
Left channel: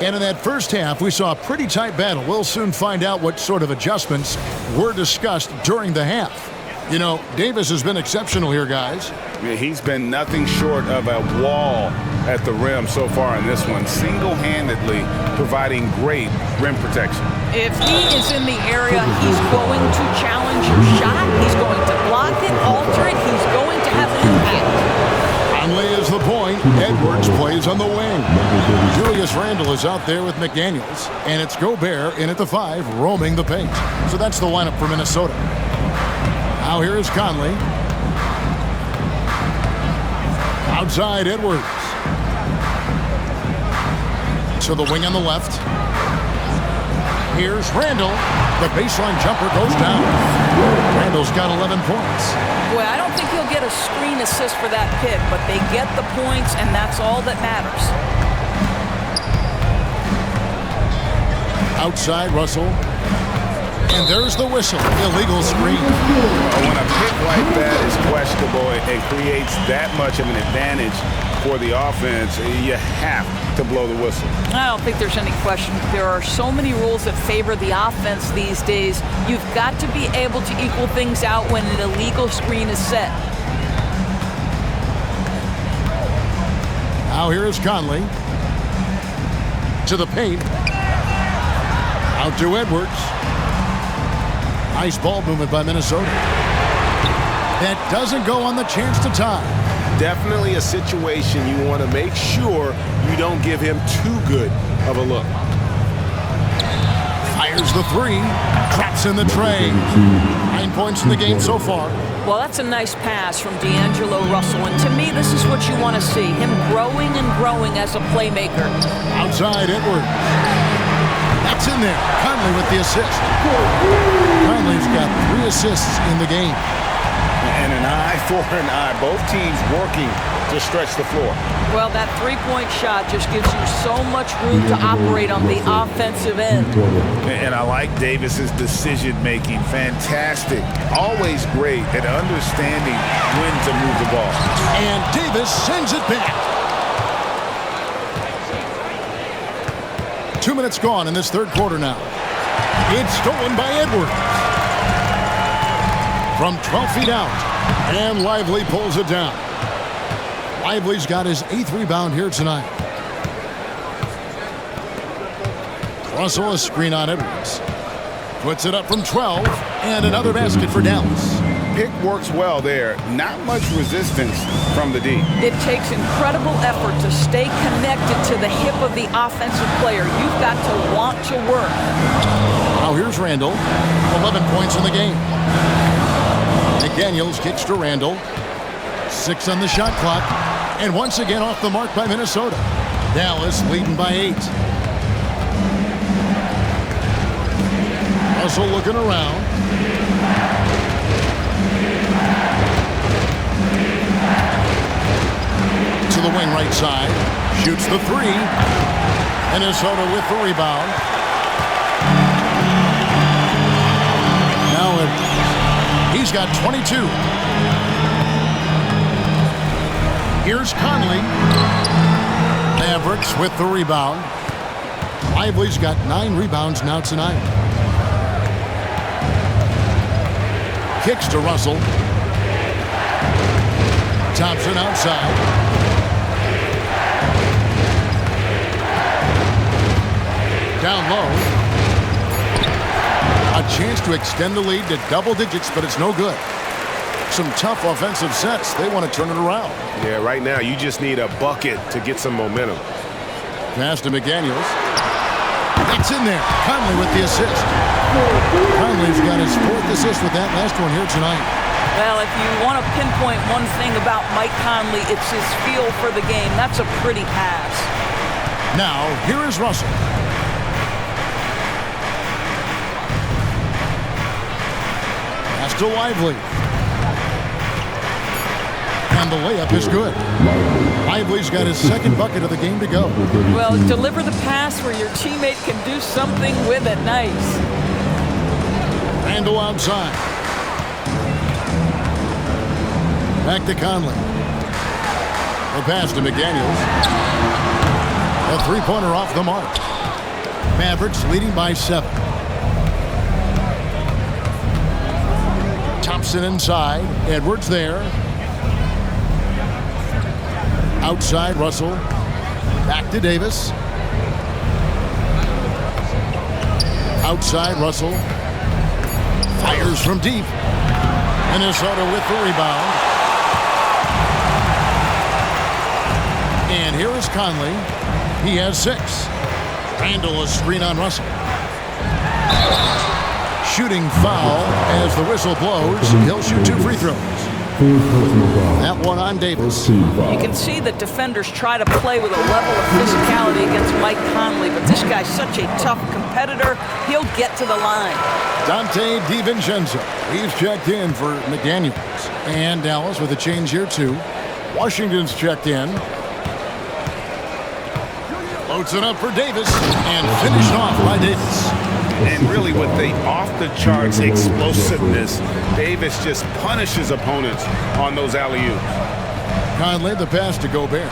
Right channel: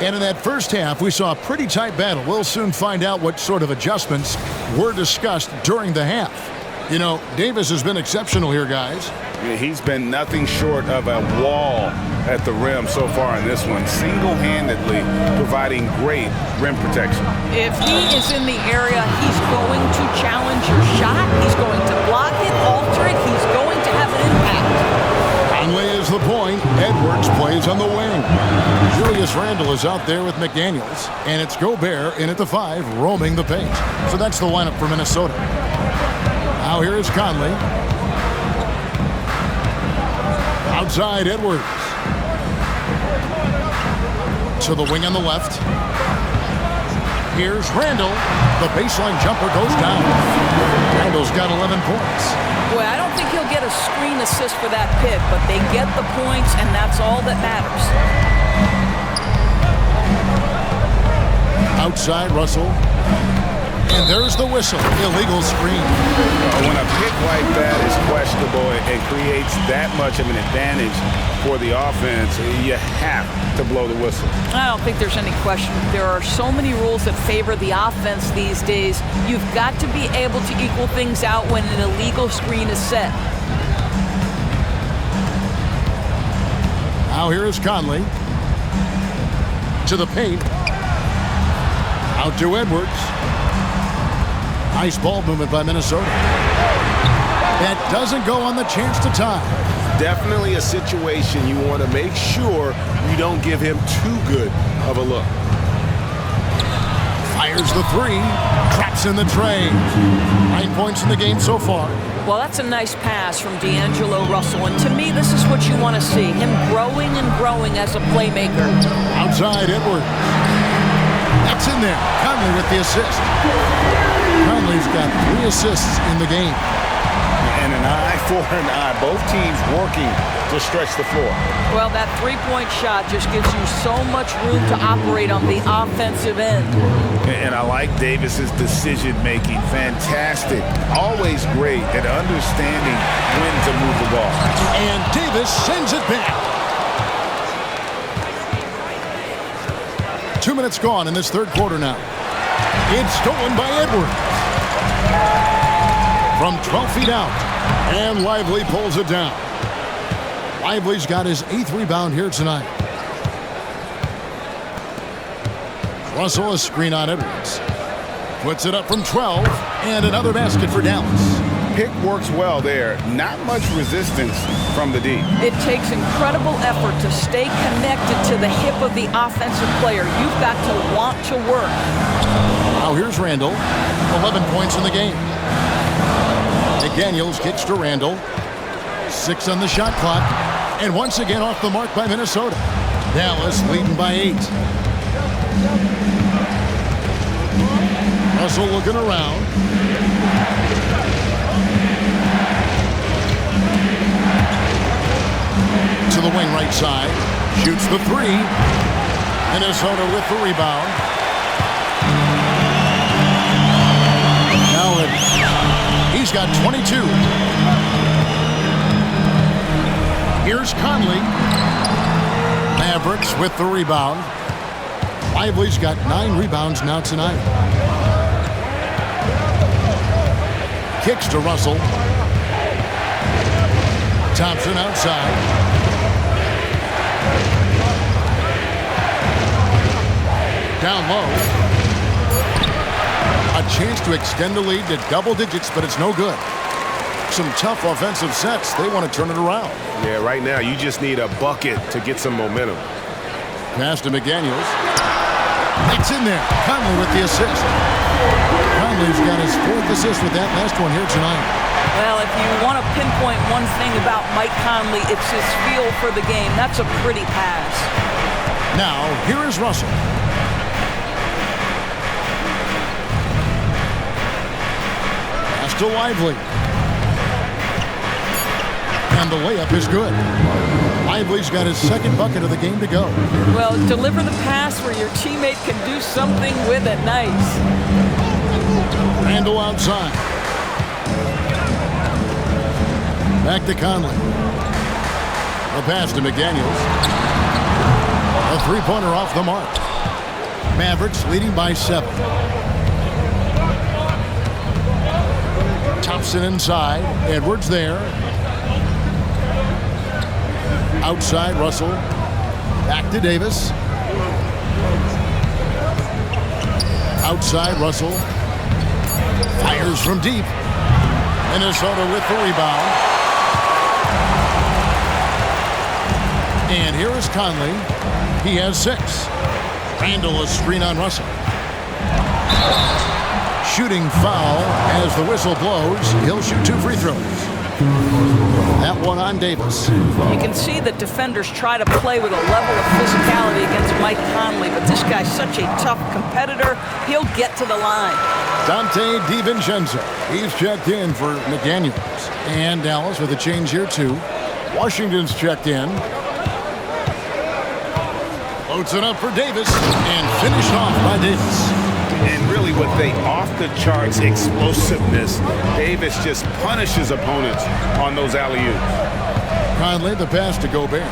And in that first half, we saw a pretty tight battle. We'll soon find out what sort of adjustments were discussed during the half. You know, Davis has been exceptional here, guys. Yeah, he's been nothing short of a wall at the rim so far in this one, single-handedly providing great rim protection. If he is in the area, he's going to challenge your shot. He's going to block it, alter it. He's going to have an impact. Conley is the point. Edwards plays on the wing. Julius Randle is out there with McDaniels. And it's Gobert in at the 5, roaming the paint. So that's the lineup for Minnesota. Now here is Conley. Outside, Edwards. To the wing on the left. Here's Randle. The baseline jumper goes down. Randle's got 11 points. Boy, I don't think he'll get a screen assist for that pick, but they get the points, and that's all that matters. Outside, Russell. And there's the whistle. Illegal screen. When a pick like that is questionable and creates that much of an advantage for the offense, you have to blow the whistle. I don't think there's any question. There are so many rules that favor the offense these days. You've got to be able to equal things out when an illegal screen is set. Now here is Conley. To the paint. Out to Edwards. Nice ball movement by Minnesota. That doesn't go on the chance to tie. Definitely a situation you want to make sure you don't give him too good of a look. Fires the three. Traps in the tray. 9 points in the game so far. Well, that's a nice pass from D'Angelo Russell, and to me, this is what you want to see, him growing and growing as a playmaker. Outside, Edwards. That's in there. Conley with the assist. Conley's got 3 assists in the game. And an eye for an eye. Both teams working to stretch the floor. Well, that three-point shot just gives you so much room to operate on the offensive end. And I like Davis's decision-making. Fantastic. Always great at understanding when to move the ball. And Davis sends it back. 2 minutes gone in this third quarter now. It's stolen by Edwards. From 12 feet out. And Lively pulls it down. Lively's got his 8th rebound here tonight. Russell, a screen on Edwards. Puts it up from 12. And another basket for Dallas. Pick works well there. Not much resistance from the D. It takes incredible effort to stay connected to the hip of the offensive player. You've got to want to work. Now here's Randall. 11 points in the game. McDaniels kicks to Randall. 6 on the shot clock. And once again off the mark by Minnesota. Dallas leading by 8. Russell looking around. To the wing right side. Shoots the 3. Minnesota with the rebound. Now he's got 22. Here's Conley. Mavericks with the rebound. Lively's got 9 rebounds now tonight. Kicks to Russell. Thompson outside. Down low. A chance to extend the lead to double digits, but it's no good. Some tough offensive sets. They want to turn it around. Yeah, right now you just need a bucket to get some momentum. Pass to McDaniels. That's in there. Conley with the assist. Conley's got his 4th assist with that last one here tonight. Well, if you want to pinpoint one thing about Mike Conley, it's his feel for the game. That's a pretty pass. Now, here is Russell. Pass to Lively. And the layup is good. Lively's got his 2nd bucket of the game to go. Well, deliver the pass where your teammate can do something with it. Nice. Randall outside. Back to Conley. The pass to McDaniels. A 3-pointer off the mark. Mavericks leading by 7. Thompson inside. Edwards there. Outside, Russell. Back to Davis. Outside, Russell. Fires from deep. Minnesota with the rebound. And here is Conley. He has 6. Randall, a screen on Russell. Shooting foul as the whistle blows. He'll shoot 2 free throws. That one on Davis. You can see that defenders try to play with a level of physicality against Mike Conley, but this guy's such a tough competitor. He'll get to the line. Dante DiVincenzo. He's checked in for McDaniels. And Dallas with a change here, too. Washington's checked in. Loads it up for Davis. And finished off by Davis. And really with the off-the-charts explosiveness, Davis just punishes opponents on those alley-oops. Conley, the pass to Gobert.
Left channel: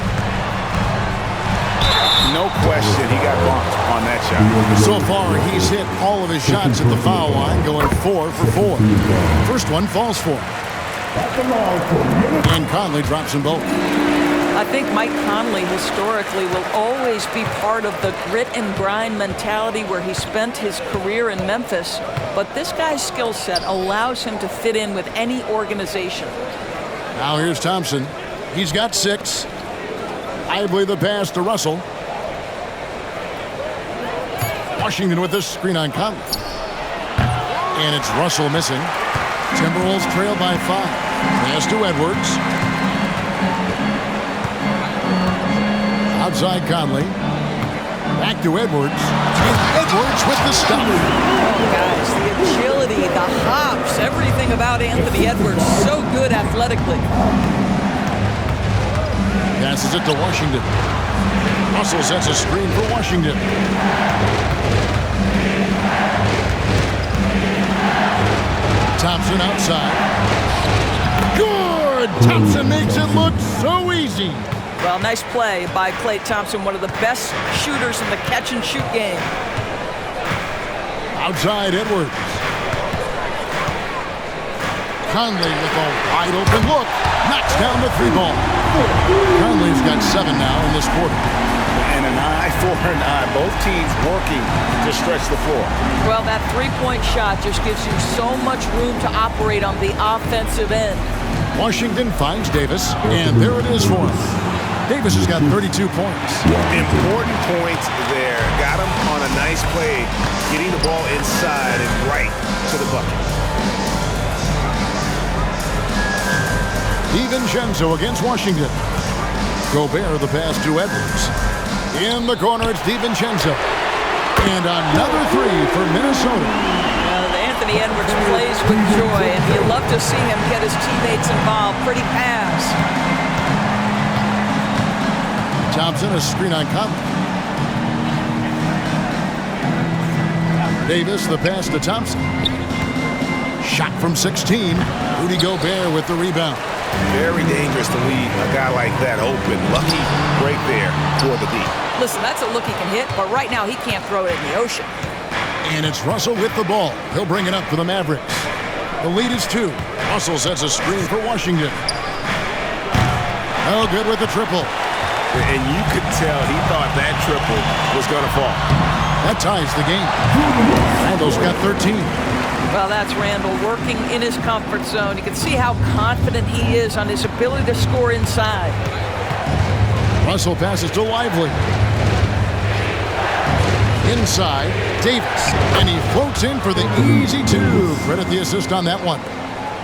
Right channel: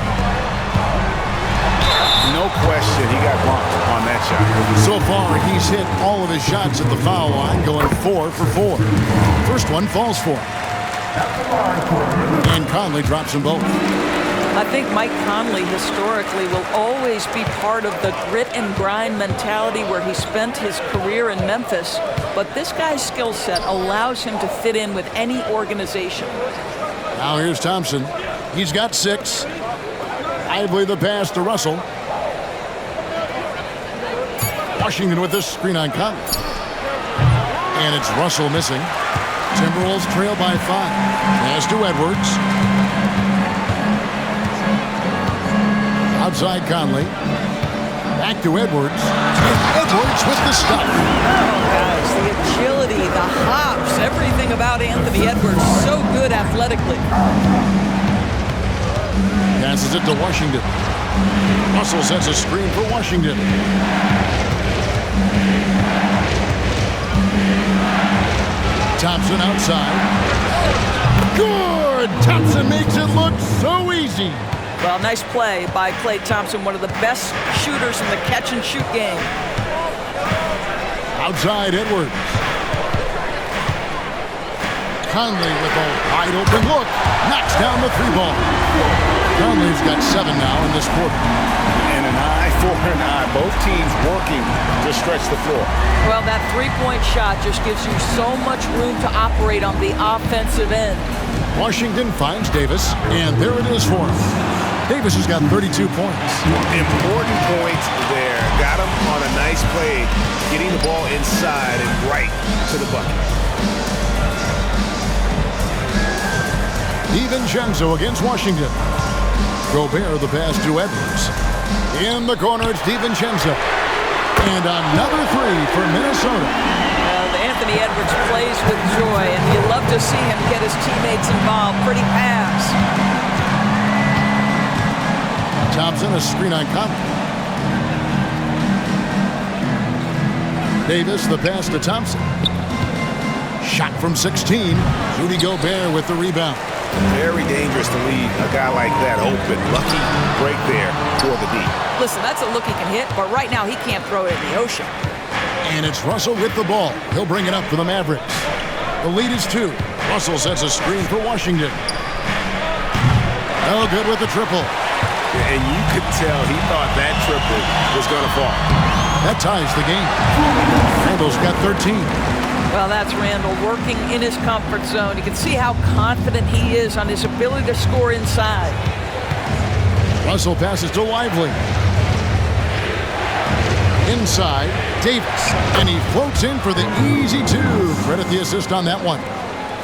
No question, he got bumped on that shot. So far, he's hit all of his shots at the foul line, going 4 for 4. First one falls for him. And Conley drops them both. I think Mike Conley historically will always be part of the grit and grind mentality where he spent his career in Memphis, but this guy's skill set allows him to fit in with any organization. Now here's Thompson. He's got 6. Lively the pass to Russell. Washington with this screen on Conley. And it's Russell missing. Timberwolves trail by 5. Pass to Edwards. Outside Conley. Back to Edwards. And Edwards with the stop. Oh, guys, the agility, the hops, everything about Anthony Edwards. So good athletically. Passes it to Washington. Russell sets a screen for Washington. Thompson outside. Good! Thompson makes it look so easy. Well, nice play by Klay Thompson, one of the best shooters in the catch-and-shoot game. Outside Edwards. Conley with a wide-open look. Knocks down the 3 ball. Conley's got 7 now in this quarter. And an eye for an eye. Both teams working to stretch the floor. Well, that 3-point shot just gives you so much room to operate on the offensive end. Washington finds Davis, and there it is for him. Davis has got 32 points. Important points there. Got him on a nice play, getting the ball inside and right to the bucket. DiVincenzo against Washington. Gobert the pass to Edwards. In the corner, it's DiVincenzo. And another 3 for Minnesota. Anthony Edwards plays with joy, and you love to see him get his teammates involved. Pretty pass. Thompson, a screen on Conley. Davis, the pass to Thompson. Shot from 16. Rudy Gobert with the rebound. Very dangerous to leave a guy like that open. Lucky break there toward the deep. Listen, that's a look he can hit, but right now he can't throw it in the ocean. And it's Russell with the ball. He'll bring it up for the Mavericks. The lead is 2. Russell sets a screen for Washington. No good with the triple. And you could tell he thought that triple was going to fall. That ties the game. Randall's got 13. Well, that's Randall working in his comfort zone. You can see how confident he is on his ability to score inside. Russell passes to Lively. Inside, Davis. And he floats in for the easy 2. Credit the assist on that one.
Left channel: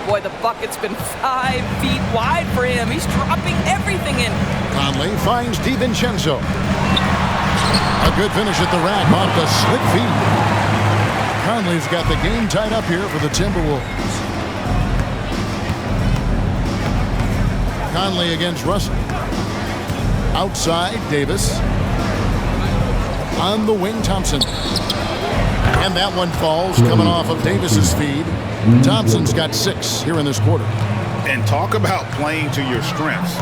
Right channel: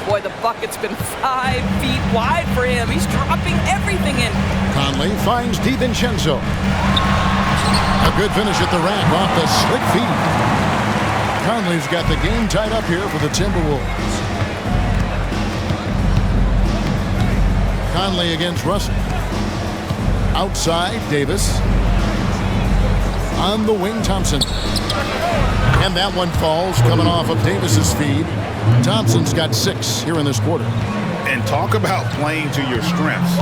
Boy, the bucket's been 5 feet wide for him. He's dropping everything in. Conley finds DiVincenzo. A good finish at the rack off the slick feed. Conley's got the game tied up here for the Timberwolves. Conley against Russell. Outside, Davis. On the wing, Thompson. And that one falls, coming off of Davis's feed. Thompson's got 6 here in this quarter. And talk about playing to your strengths.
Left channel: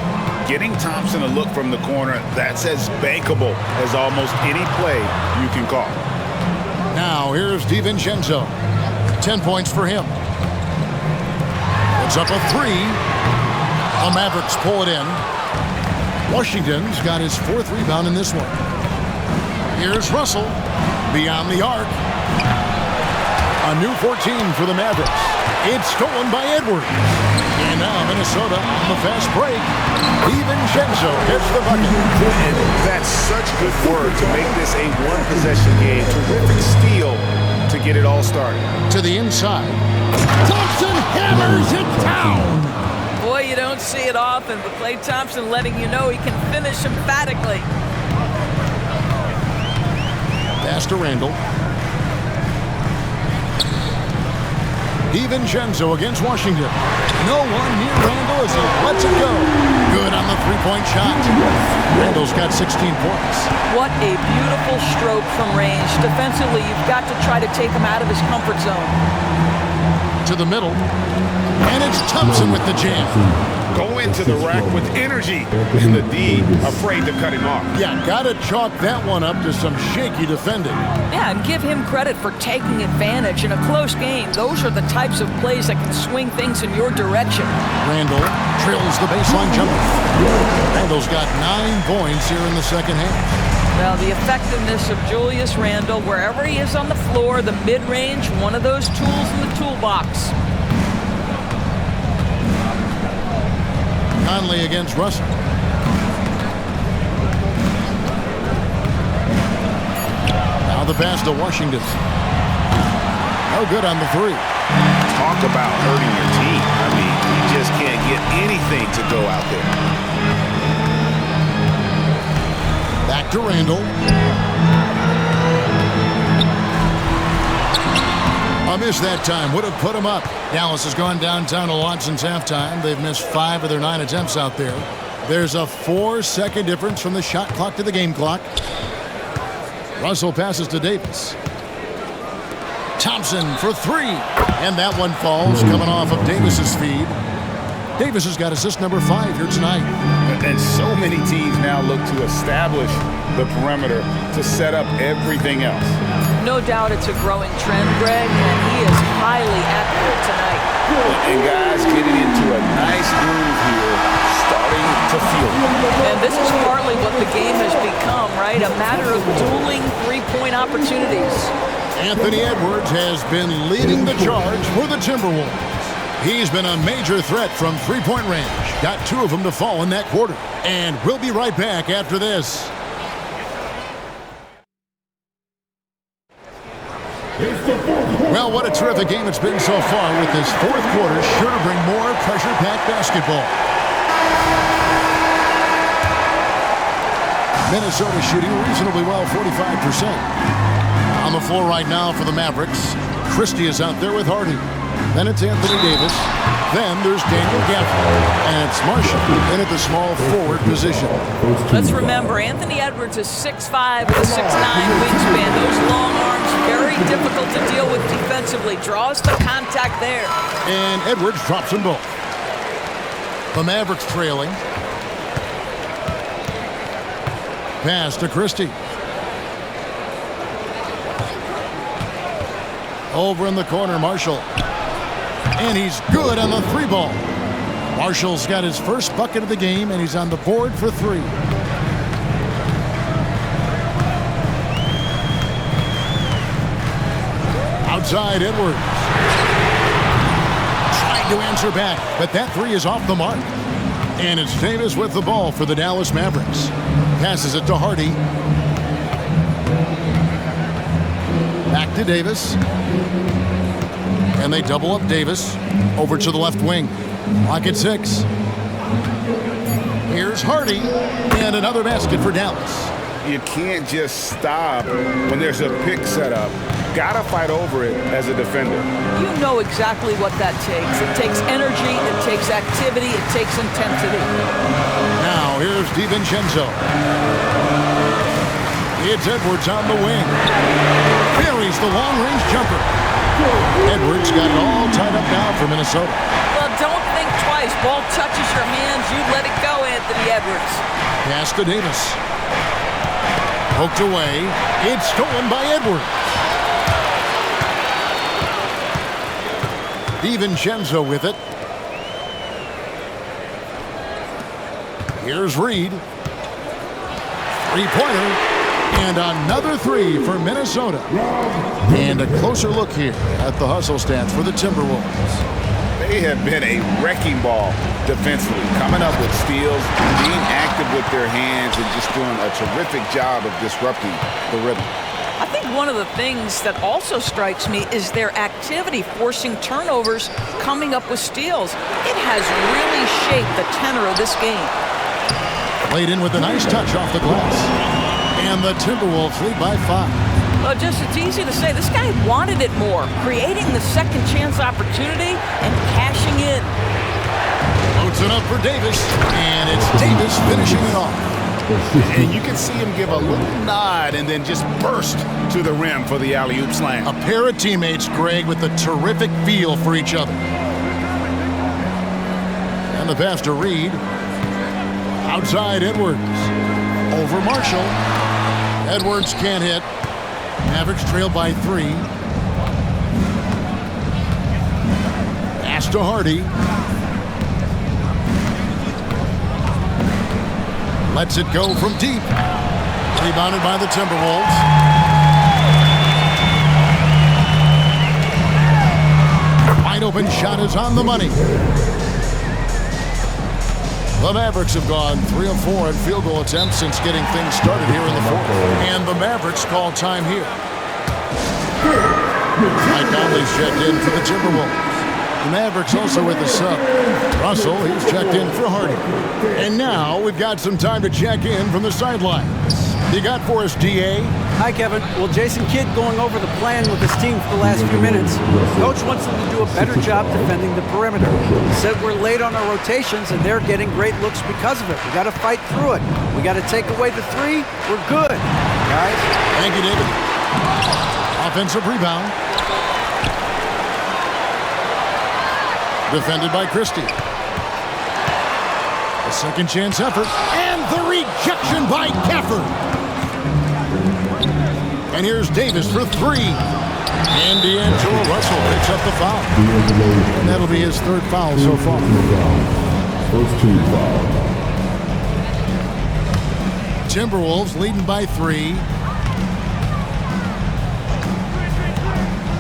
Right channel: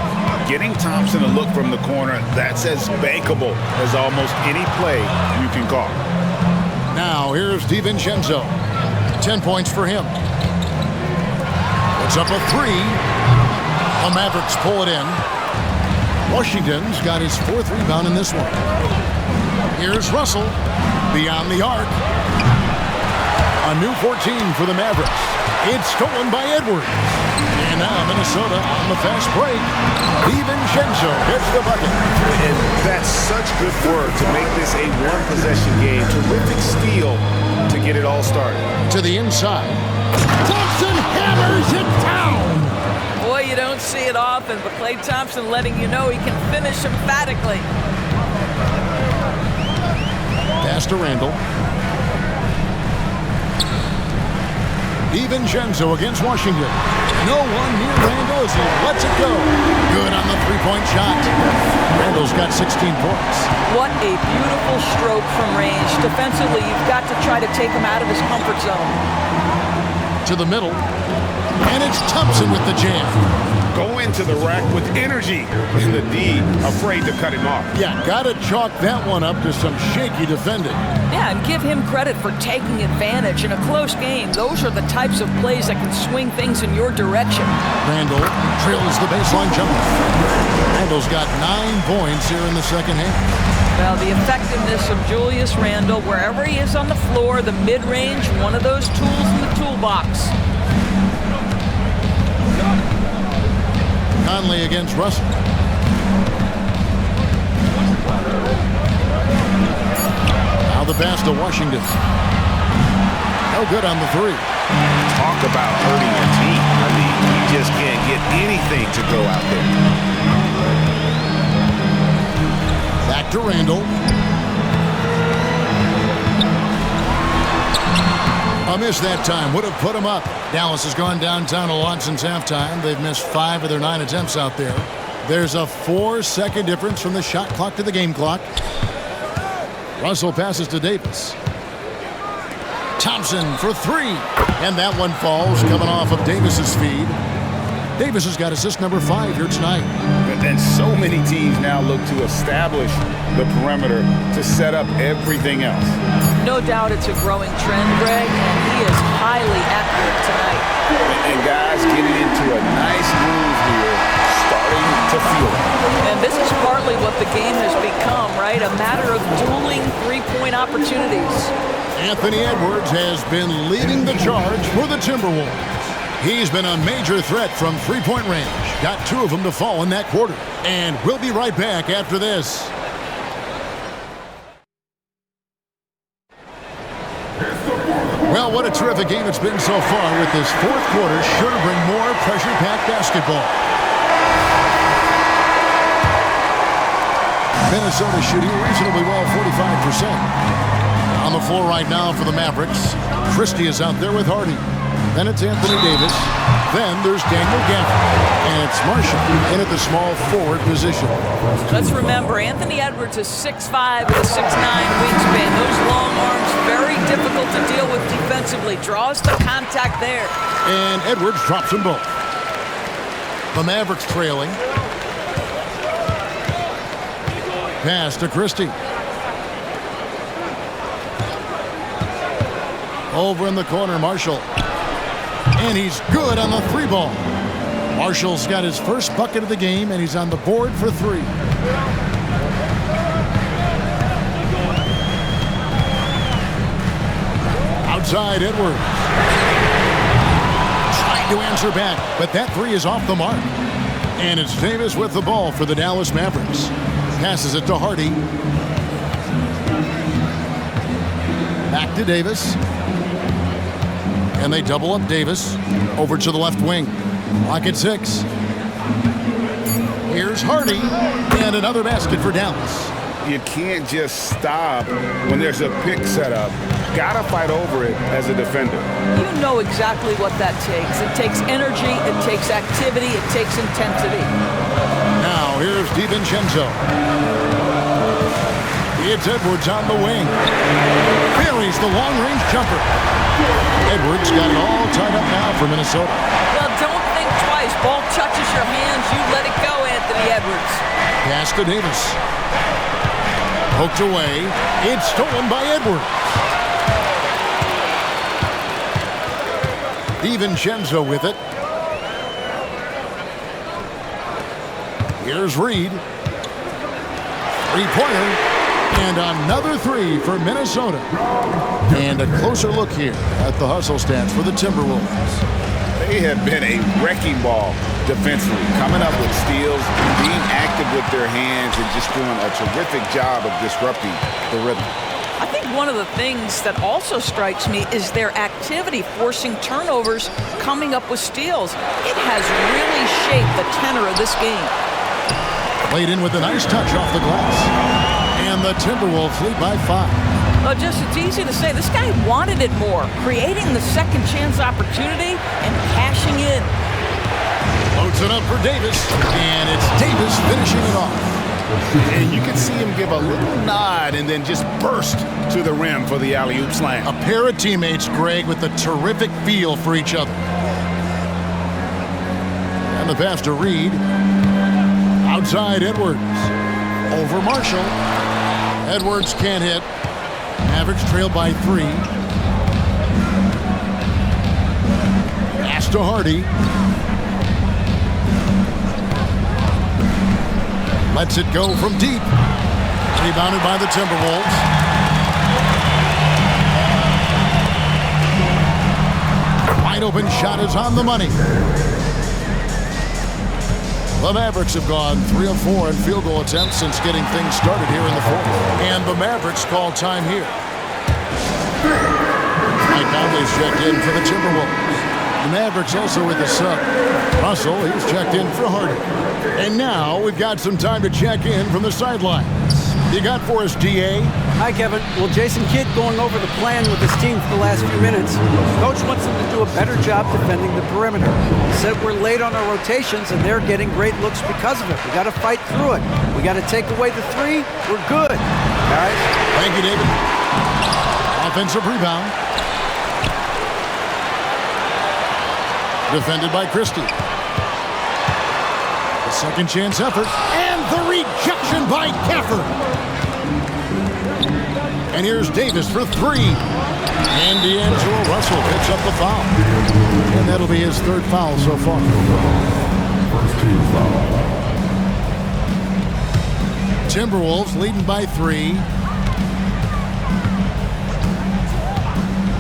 Getting Thompson a look from the corner, that's as bankable as almost any play you can call. Now, here's DiVincenzo. 10 points for him. It's up a 3. The Mavericks pull it in. Washington's got his 4th rebound in this one. Here's Russell. Beyond the arc. A new 14 for the Mavericks. It's stolen by Edwards. And now Minnesota on the fast break. DiVincenzo gets the bucket. And that's such good work to make this a one-possession game. Terrific steal to get it all started. To the inside. Thompson hammers it down. Boy, you don't see it often, but Klay Thompson letting you know he can finish emphatically. Pass to Randall. DiVincenzo against Washington. No one near Randall as he lets it go. Good on the three-point shot. Randall's got 16 points. What a beautiful stroke from range. Defensively, you've got to try to take him out of his comfort zone. To the middle. And it's Thompson with the jam. Go into the rack with energy. And the D afraid to cut him off. Yeah, gotta chalk that one up to some shaky defending. Yeah, and give him credit for taking advantage. In a close game, those are the types of plays that can swing things in your direction. Randall trails the baseline jumper. Randall's got 9 points here in the second half. Well, the effectiveness of Julius Randle, wherever he is on the floor, the mid-range, one of those tools in the toolbox. Conley against Russell. Now the pass to Washington. No good on the three. Talk about hurting your team. I mean, you just can't get anything to go out there. Back to Randall. A miss that time would have put him up. Dallas has gone downtown a lot since halftime. They've missed 5 of their 9 attempts out there. There's a 4-second difference from the shot clock to the game clock. Russell passes to Davis. Thompson for 3. And that one falls, coming off of Davis's feed. Davis has got assist number 5 here tonight. And so many teams now look to establish the perimeter to set up everything else. No doubt it's a growing trend, Greg, and he is highly accurate tonight. And guys getting into a nice groove here, starting to feel it. And this is partly what the game has become, right? A matter of dueling three-point opportunities. Anthony Edwards has been leading the charge for the Timberwolves. He's been a major threat from three-point range. Got 2 of them to fall in that quarter. And we'll be right back after this. Well, what a terrific game it's been so far, with this fourth quarter sure to bring more pressure-packed basketball. Minnesota shooting reasonably well, 45%. On the floor right now for the Mavericks, Christie is out there with Hardy. Then it's Anthony Davis. Then there's Daniel Gafford. And it's Marshall in at the small forward position. Let's remember, Anthony Edwards is 6'5" with a 6'9" wingspan. Those long arms, very difficult to deal with defensively. Draws the contact there. And Edwards drops them both. The Mavericks trailing. Pass to Christie. Over in the corner, Marshall. And he's good on the 3 ball. Marshall's got his first bucket of the game, and he's on the board for 3. Outside, Edwards. Trying to answer back, but that 3 is off the mark. And it's Davis with the ball for the Dallas Mavericks. Passes it to Hardy. Back to Davis. And they double up Davis over to the left wing. Clock at 6. Here's Hardy, and another basket for Dallas. You can't just stop when there's a pick set up. Gotta fight over it as a defender. You know exactly what that takes. It takes energy, it takes activity, it takes intensity. Now here's DiVincenzo. It's Edwards on the wing. Buries the long-range jumper. Edwards got it all tied up now for Minnesota. Well, don't think twice. Ball touches your hands, you let it go, Anthony Edwards. Pass to Davis. Poked away. It's stolen by Edwards. DiVincenzo with it. Here's Reed. 3-pointer. And another 3 for Minnesota. And a closer look here at the hustle stats for the Timberwolves. They have been a wrecking ball defensively, coming up with steals, being active with their hands, and just doing a terrific job of disrupting the rhythm. I think one of the things that also strikes me is their activity, forcing turnovers, coming up with steals. It has really shaped the tenor of this game. Played in with a nice touch off the glass. And the Timberwolves lead by 5. Well, it's easy to say. This guy wanted it more, creating the second chance opportunity and cashing in. Loads it up for Davis, and it's Davis finishing it off. And you can see him give a little nod and then just burst to the rim for the alley-oop slam. A pair of teammates, Greg, with a terrific feel for each other. And the pass to Reed. Outside Edwards. Over Marshall. Edwards can't hit. Mavericks trail by 3. Pass to Hardy. Lets it go from deep. Rebounded by the Timberwolves. Wide open shot is on the money. The Mavericks have gone 3 of 4 in field goal attempts since getting things started here in the fourth. And the Mavericks call time here. Mike Conley's checked in for the Timberwolves. The Mavericks also with the sub. Russell, he's checked in for Hardy. And now we've got some time to check in from the sidelines. You got for us, D.A.? Hi, Kevin. Well, Jason Kidd going over the plan with his team for the last few minutes. Coach wants them to do a better job defending the perimeter. He said we're late on our rotations, and they're getting great looks because of it. We got to fight through it. We got to take away the 3. We're good, guys. Thank you, David. Offensive rebound. Defended by Christie. A second chance effort. And the rejection by Gafford. And here's Davis for 3. And D'Angelo Russell picks up the foul. And that'll be his 3rd foul so far. First team foul. Timberwolves leading by 3.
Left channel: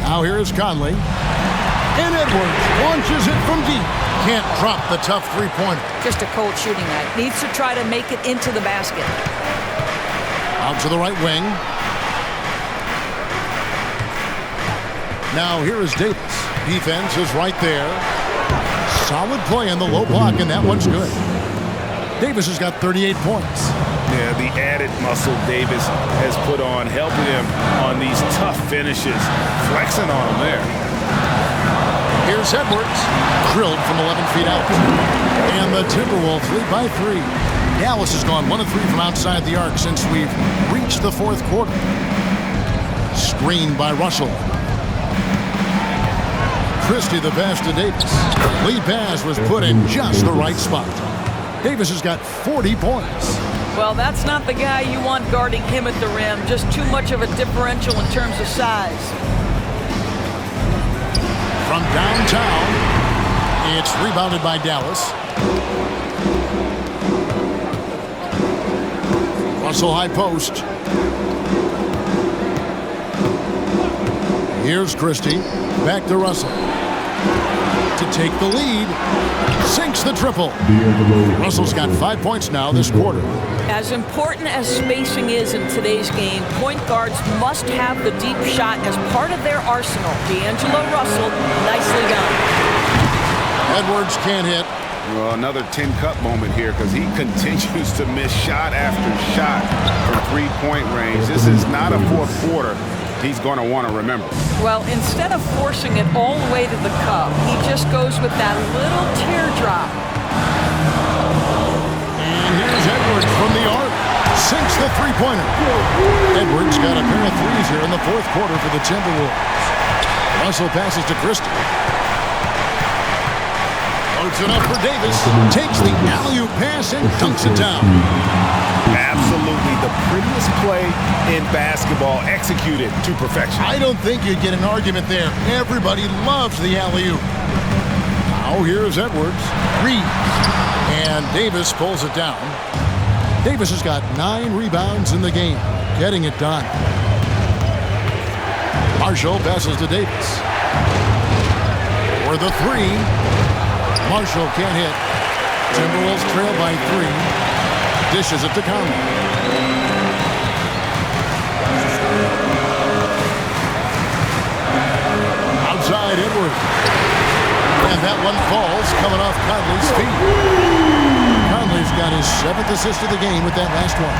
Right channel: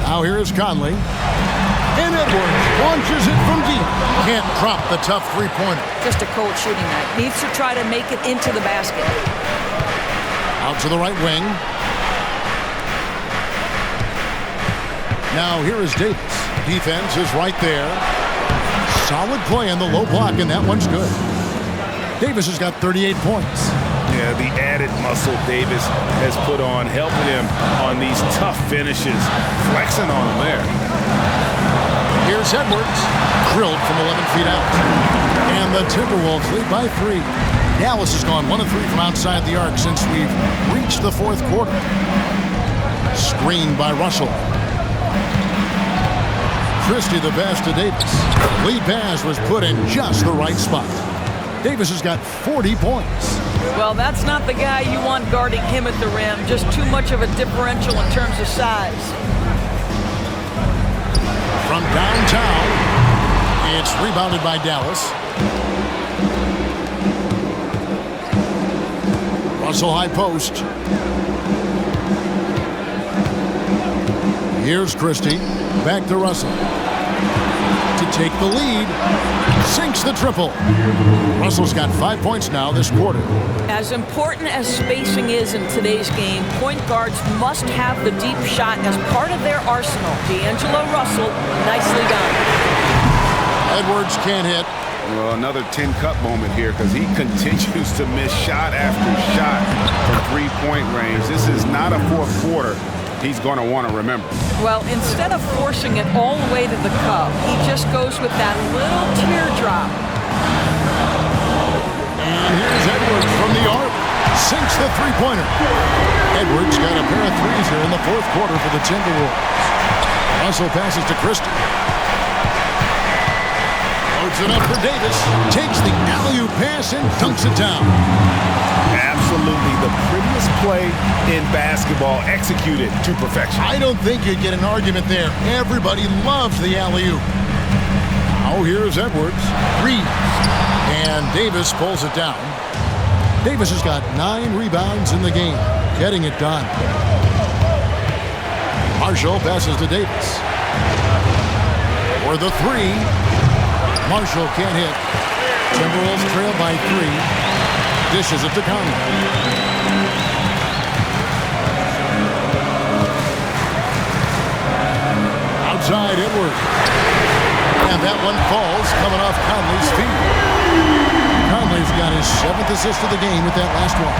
Now here is Conley. And Edwards launches it from deep. Can't drop the tough 3-pointer. Just a cold shooting night. Needs to try to make it into the basket. Out to the right wing. Now here is Davis. Defense is right there. Solid play in the low block, and that one's good. Davis has got 38 points. Yeah, the added muscle Davis has put on, helping him on these tough finishes. Flexing on him there. Here's Edwards. Drilled from 11 feet out. And the Timberwolves lead by 3. Dallas has gone 1 of 3 from outside the arc since we've reached the 4th quarter. Screened by Russell. Christie the pass to Davis. Lead pass was put in just the right spot. Davis has got 40 points. Well, that's not the guy you want guarding him at the rim. Just too much of a differential in terms of size. From downtown, it's rebounded by Dallas. Russell high post. Here's Christie. Back to Russell. To take the lead. Sinks the triple. Russell's got 5 points now this quarter. As important as spacing is in today's game, point guards must have the deep shot as part of their arsenal. D'Angelo Russell, nicely done. Edwards can't hit. Well, another tin cup moment here because he continues to miss shot after shot from 3-point range. This is not a 4th quarter he's going to want to remember. Well, instead of forcing it all the way to the cup, he just goes with that little teardrop. And here's Edwards from the arc. Sinks the 3-pointer. Edwards got a pair of 3s here in the 4th quarter for the Timberwolves. Russell passes to Christie. Loads it up for Davis. Takes the alley-oop pass and dunks it down. Absolutely the prettiest play in basketball, executed to perfection. I don't think you'd get an argument there. Everybody loves the alley-oop. Now here's Edwards. Reed. And Davis pulls it down. Davis has got 9 rebounds in the game. Getting it done. Marshall passes to Davis. For the 3. Marshall can't hit. Timberwolves trail by 3. Dishes it to Conley. Outside Edwards. And that one falls coming off Conley's feet. Conley's got his 7th assist of the game with that last one.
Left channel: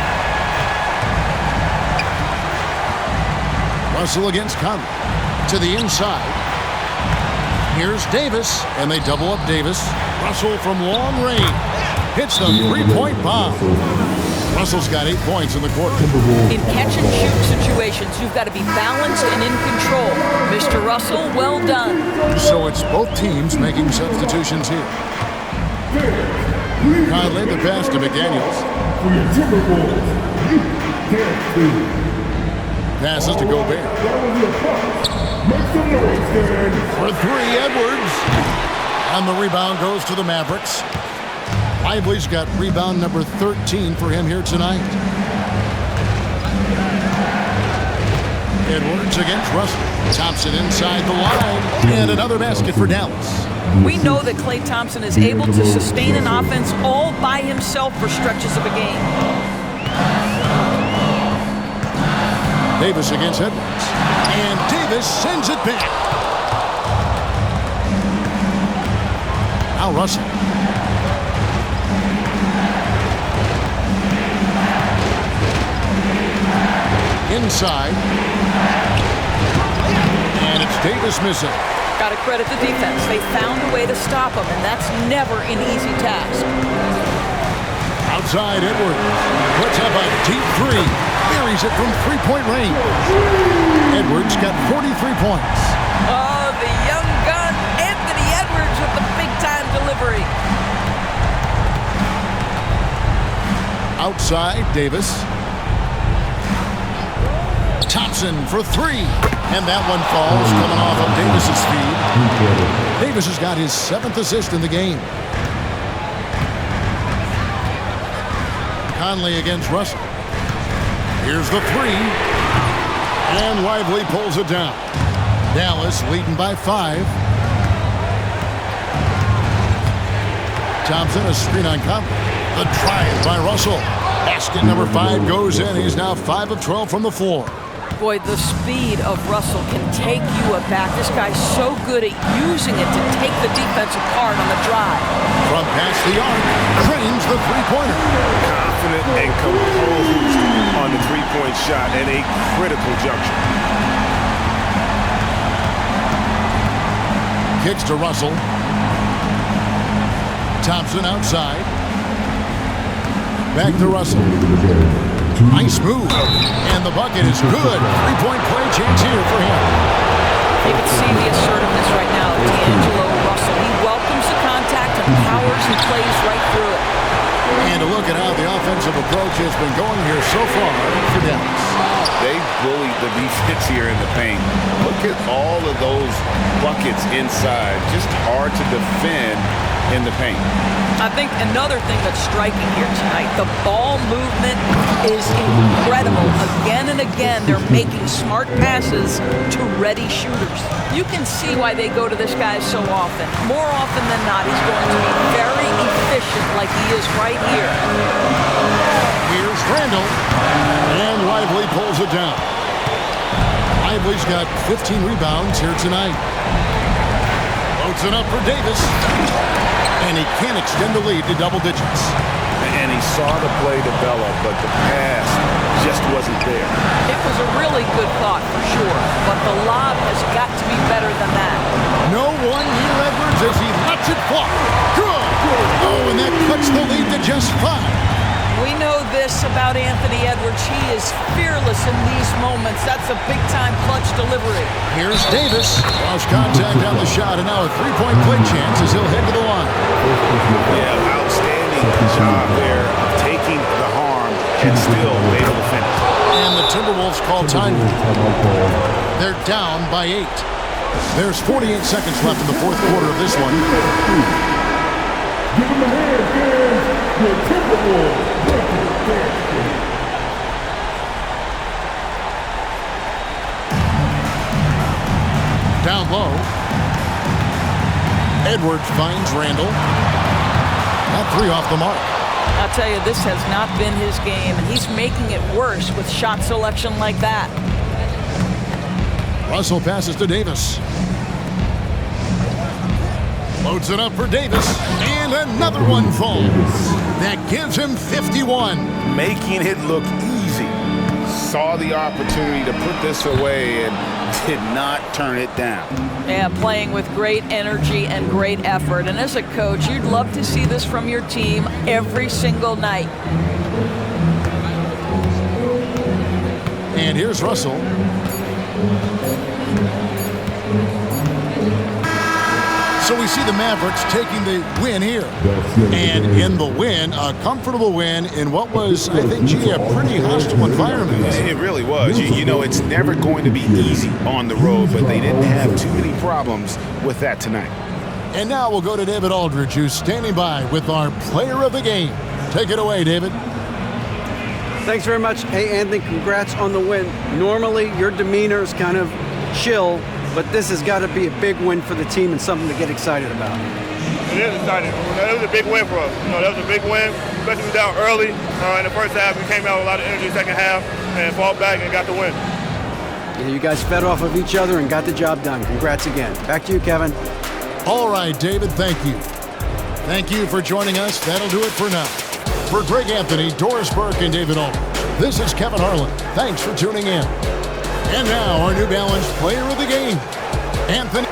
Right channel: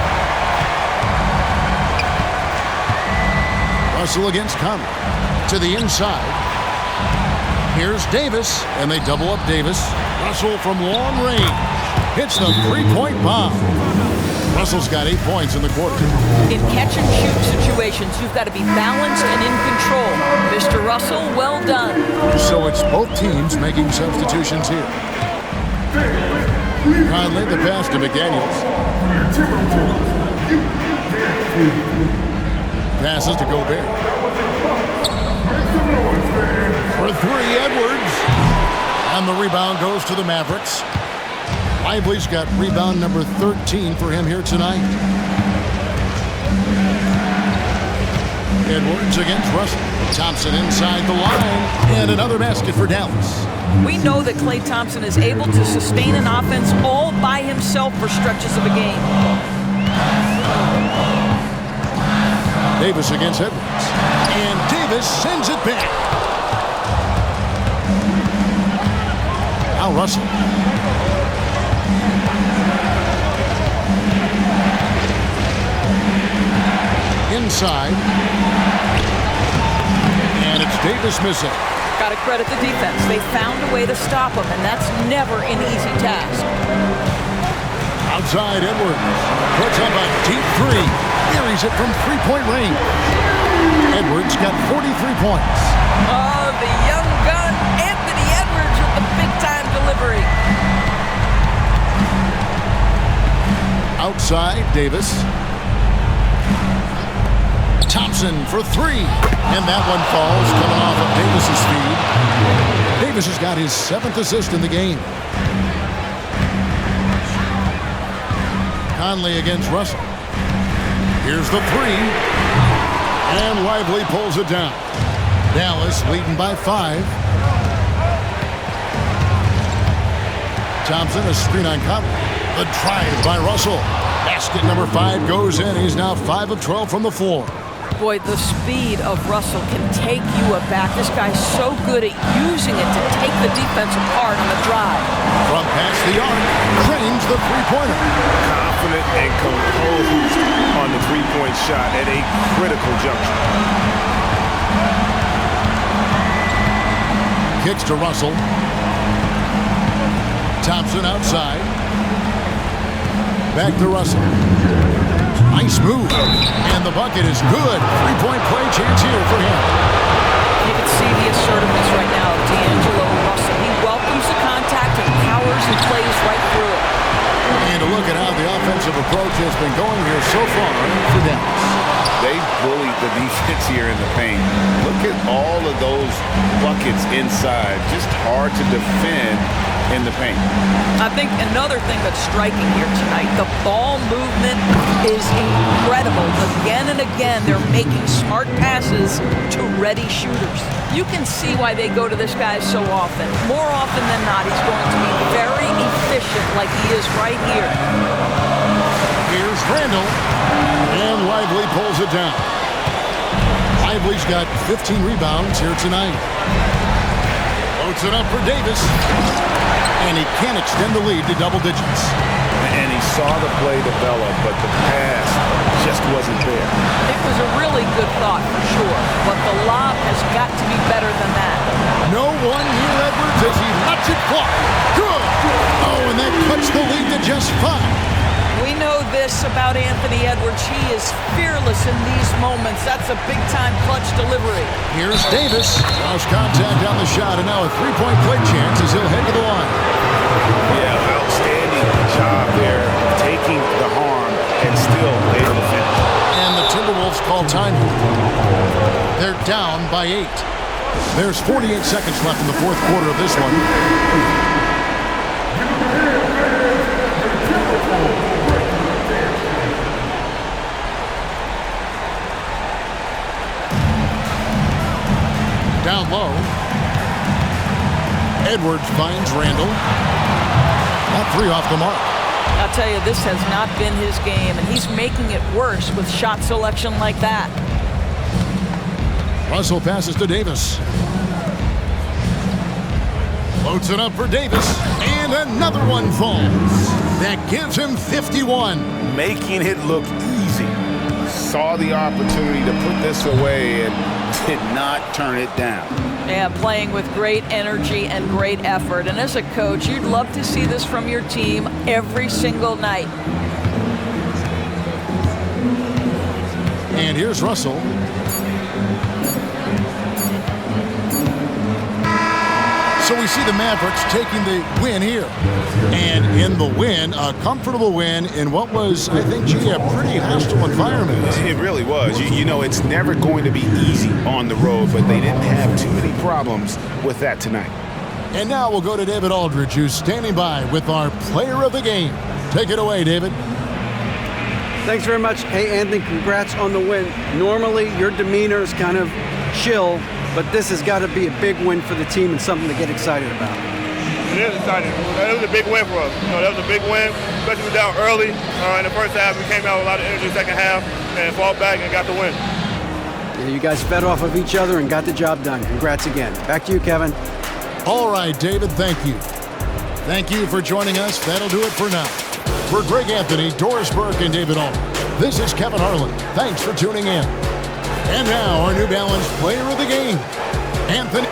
Russell against Conley. To the inside. Here's Davis, and they double up Davis. Russell from long range hits the three-point bomb. Russell's got 8 points in the quarter. In catch-and-shoot situations, you've got to be balanced and in control. Mr. Russell, well done. So it's both teams making substitutions here. Conley, the pass to McDaniels. For your Timberwolves, you Game3. Passes to Gobert. Make some noise, man. For three, Edwards. And the rebound goes to the Mavericks. Lively's got rebound number 13 for him here tonight. Edwards against Russell. Thompson inside the line. And another basket for Dallas. We know that Klay Thompson is able to sustain an offense all by himself for stretches of a game. Davis against Edwards. And Davis sends it back. Now Russell. Inside. And it's Davis missing. Got to credit the defense. They found a way to stop him, and that's never an easy task. Outside Edwards. Puts up a deep three. Buries it from three-point range. Edwards got 43 points. Oh, the young gun, Anthony Edwards with the big-time delivery. Outside Davis. Thompson for three. And that one falls, coming off of Davis's feed. Davis has got his 7th assist in the game. Conley against Russell. Here's the three. And Lively pulls it down. Dallas leading by 5. Thompson, a screen on Conley. The drive by Russell. Basket number 5 goes in. He's now 5 of 12 from the floor. Boy, the speed of Russell can take you aback. This guy's so good at using it to take the defense apart on the drive. From past the arc, trains the three-pointer. Confident and composed on the three-point shot at a critical juncture. Kicks to Russell. Thompson outside. Back to Russell. Nice move. And the bucket is good. Three-point play chance here for him. You can see the assertiveness right now of D'Angelo Russell. He welcomes the contact and powers and plays right through it. And a look at how the offensive approach has been going here so far for Dallas. They bullied the defense here in the paint. Look at all of those buckets inside. Just hard to defend in the paint. I think another thing that's striking here tonight, the ball movement is incredible. Again and again, they're making smart passes to ready shooters. You can see why they go to this guy so often. More often than not, he's going to be very efficient like he is right here. Here's Randall. And Lively pulls it down. Lively's got 15 rebounds here tonight. Floats it up for Davis. And he can't extend the lead to double digits. And he saw the play develop, but the pass just wasn't there. It was a really good thought for sure, but the lob has got to be better than that. No one near Edwards as he lets it fly. Good! Oh, and that cuts the lead to just 5. We know this about Anthony Edwards. He is fearless in these moments. That's a big-time clutch delivery. Here's Davis. Lost contact on the shot, and now a three-point play chance as he'll head to the line. Yeah, outstanding job there of taking the harm and still able to finish. And the Timberwolves call time. They're down by 8. There's 48 seconds left in the fourth quarter of this one. Give them a hand, fans. Your Timberwolves. Down low. Edwards finds Randall. That three off the mark. I'll tell you, this has not been his game, and he's making it worse with shot selection like that. Russell passes to Davis. Floats it up for Davis, and another one falls. That gives him 51. Making it look easy. saw the opportunity to put this away and did not turn it down. Yeah, playing with great energy and great effort. And as a coach, you'd love to see this from your team every single night. And here's Russell. So we see the Mavericks taking the win here. And in the win, a comfortable win in what was, I think, a pretty hostile environment. It really was. You know, it's never going to be easy on the road, but they didn't have too many problems with that tonight. And now we'll go to David Aldridge, who's standing by with our player of the game. Take it away, David. Thanks very much. Hey, Anthony, congrats on the win. Normally, your demeanor is kind of chill, but this has got to be a big win for the team and something to get excited about. It is exciting. It was a big win for us. That was a big win, especially we were down early in the first half. We came out with a lot of energy in the second half and fought back and got the win. Yeah, you guys fed off of each other and got the job done. Congrats again. Back to you, Kevin. All right, David, thank you. Thank you for joining us. That'll do it for now. For Greg Anthony, Doris Burke, and David Aldridge, this is Kevin Harlan. Thanks for tuning in. And now, our New Balance player of the game, Anthony.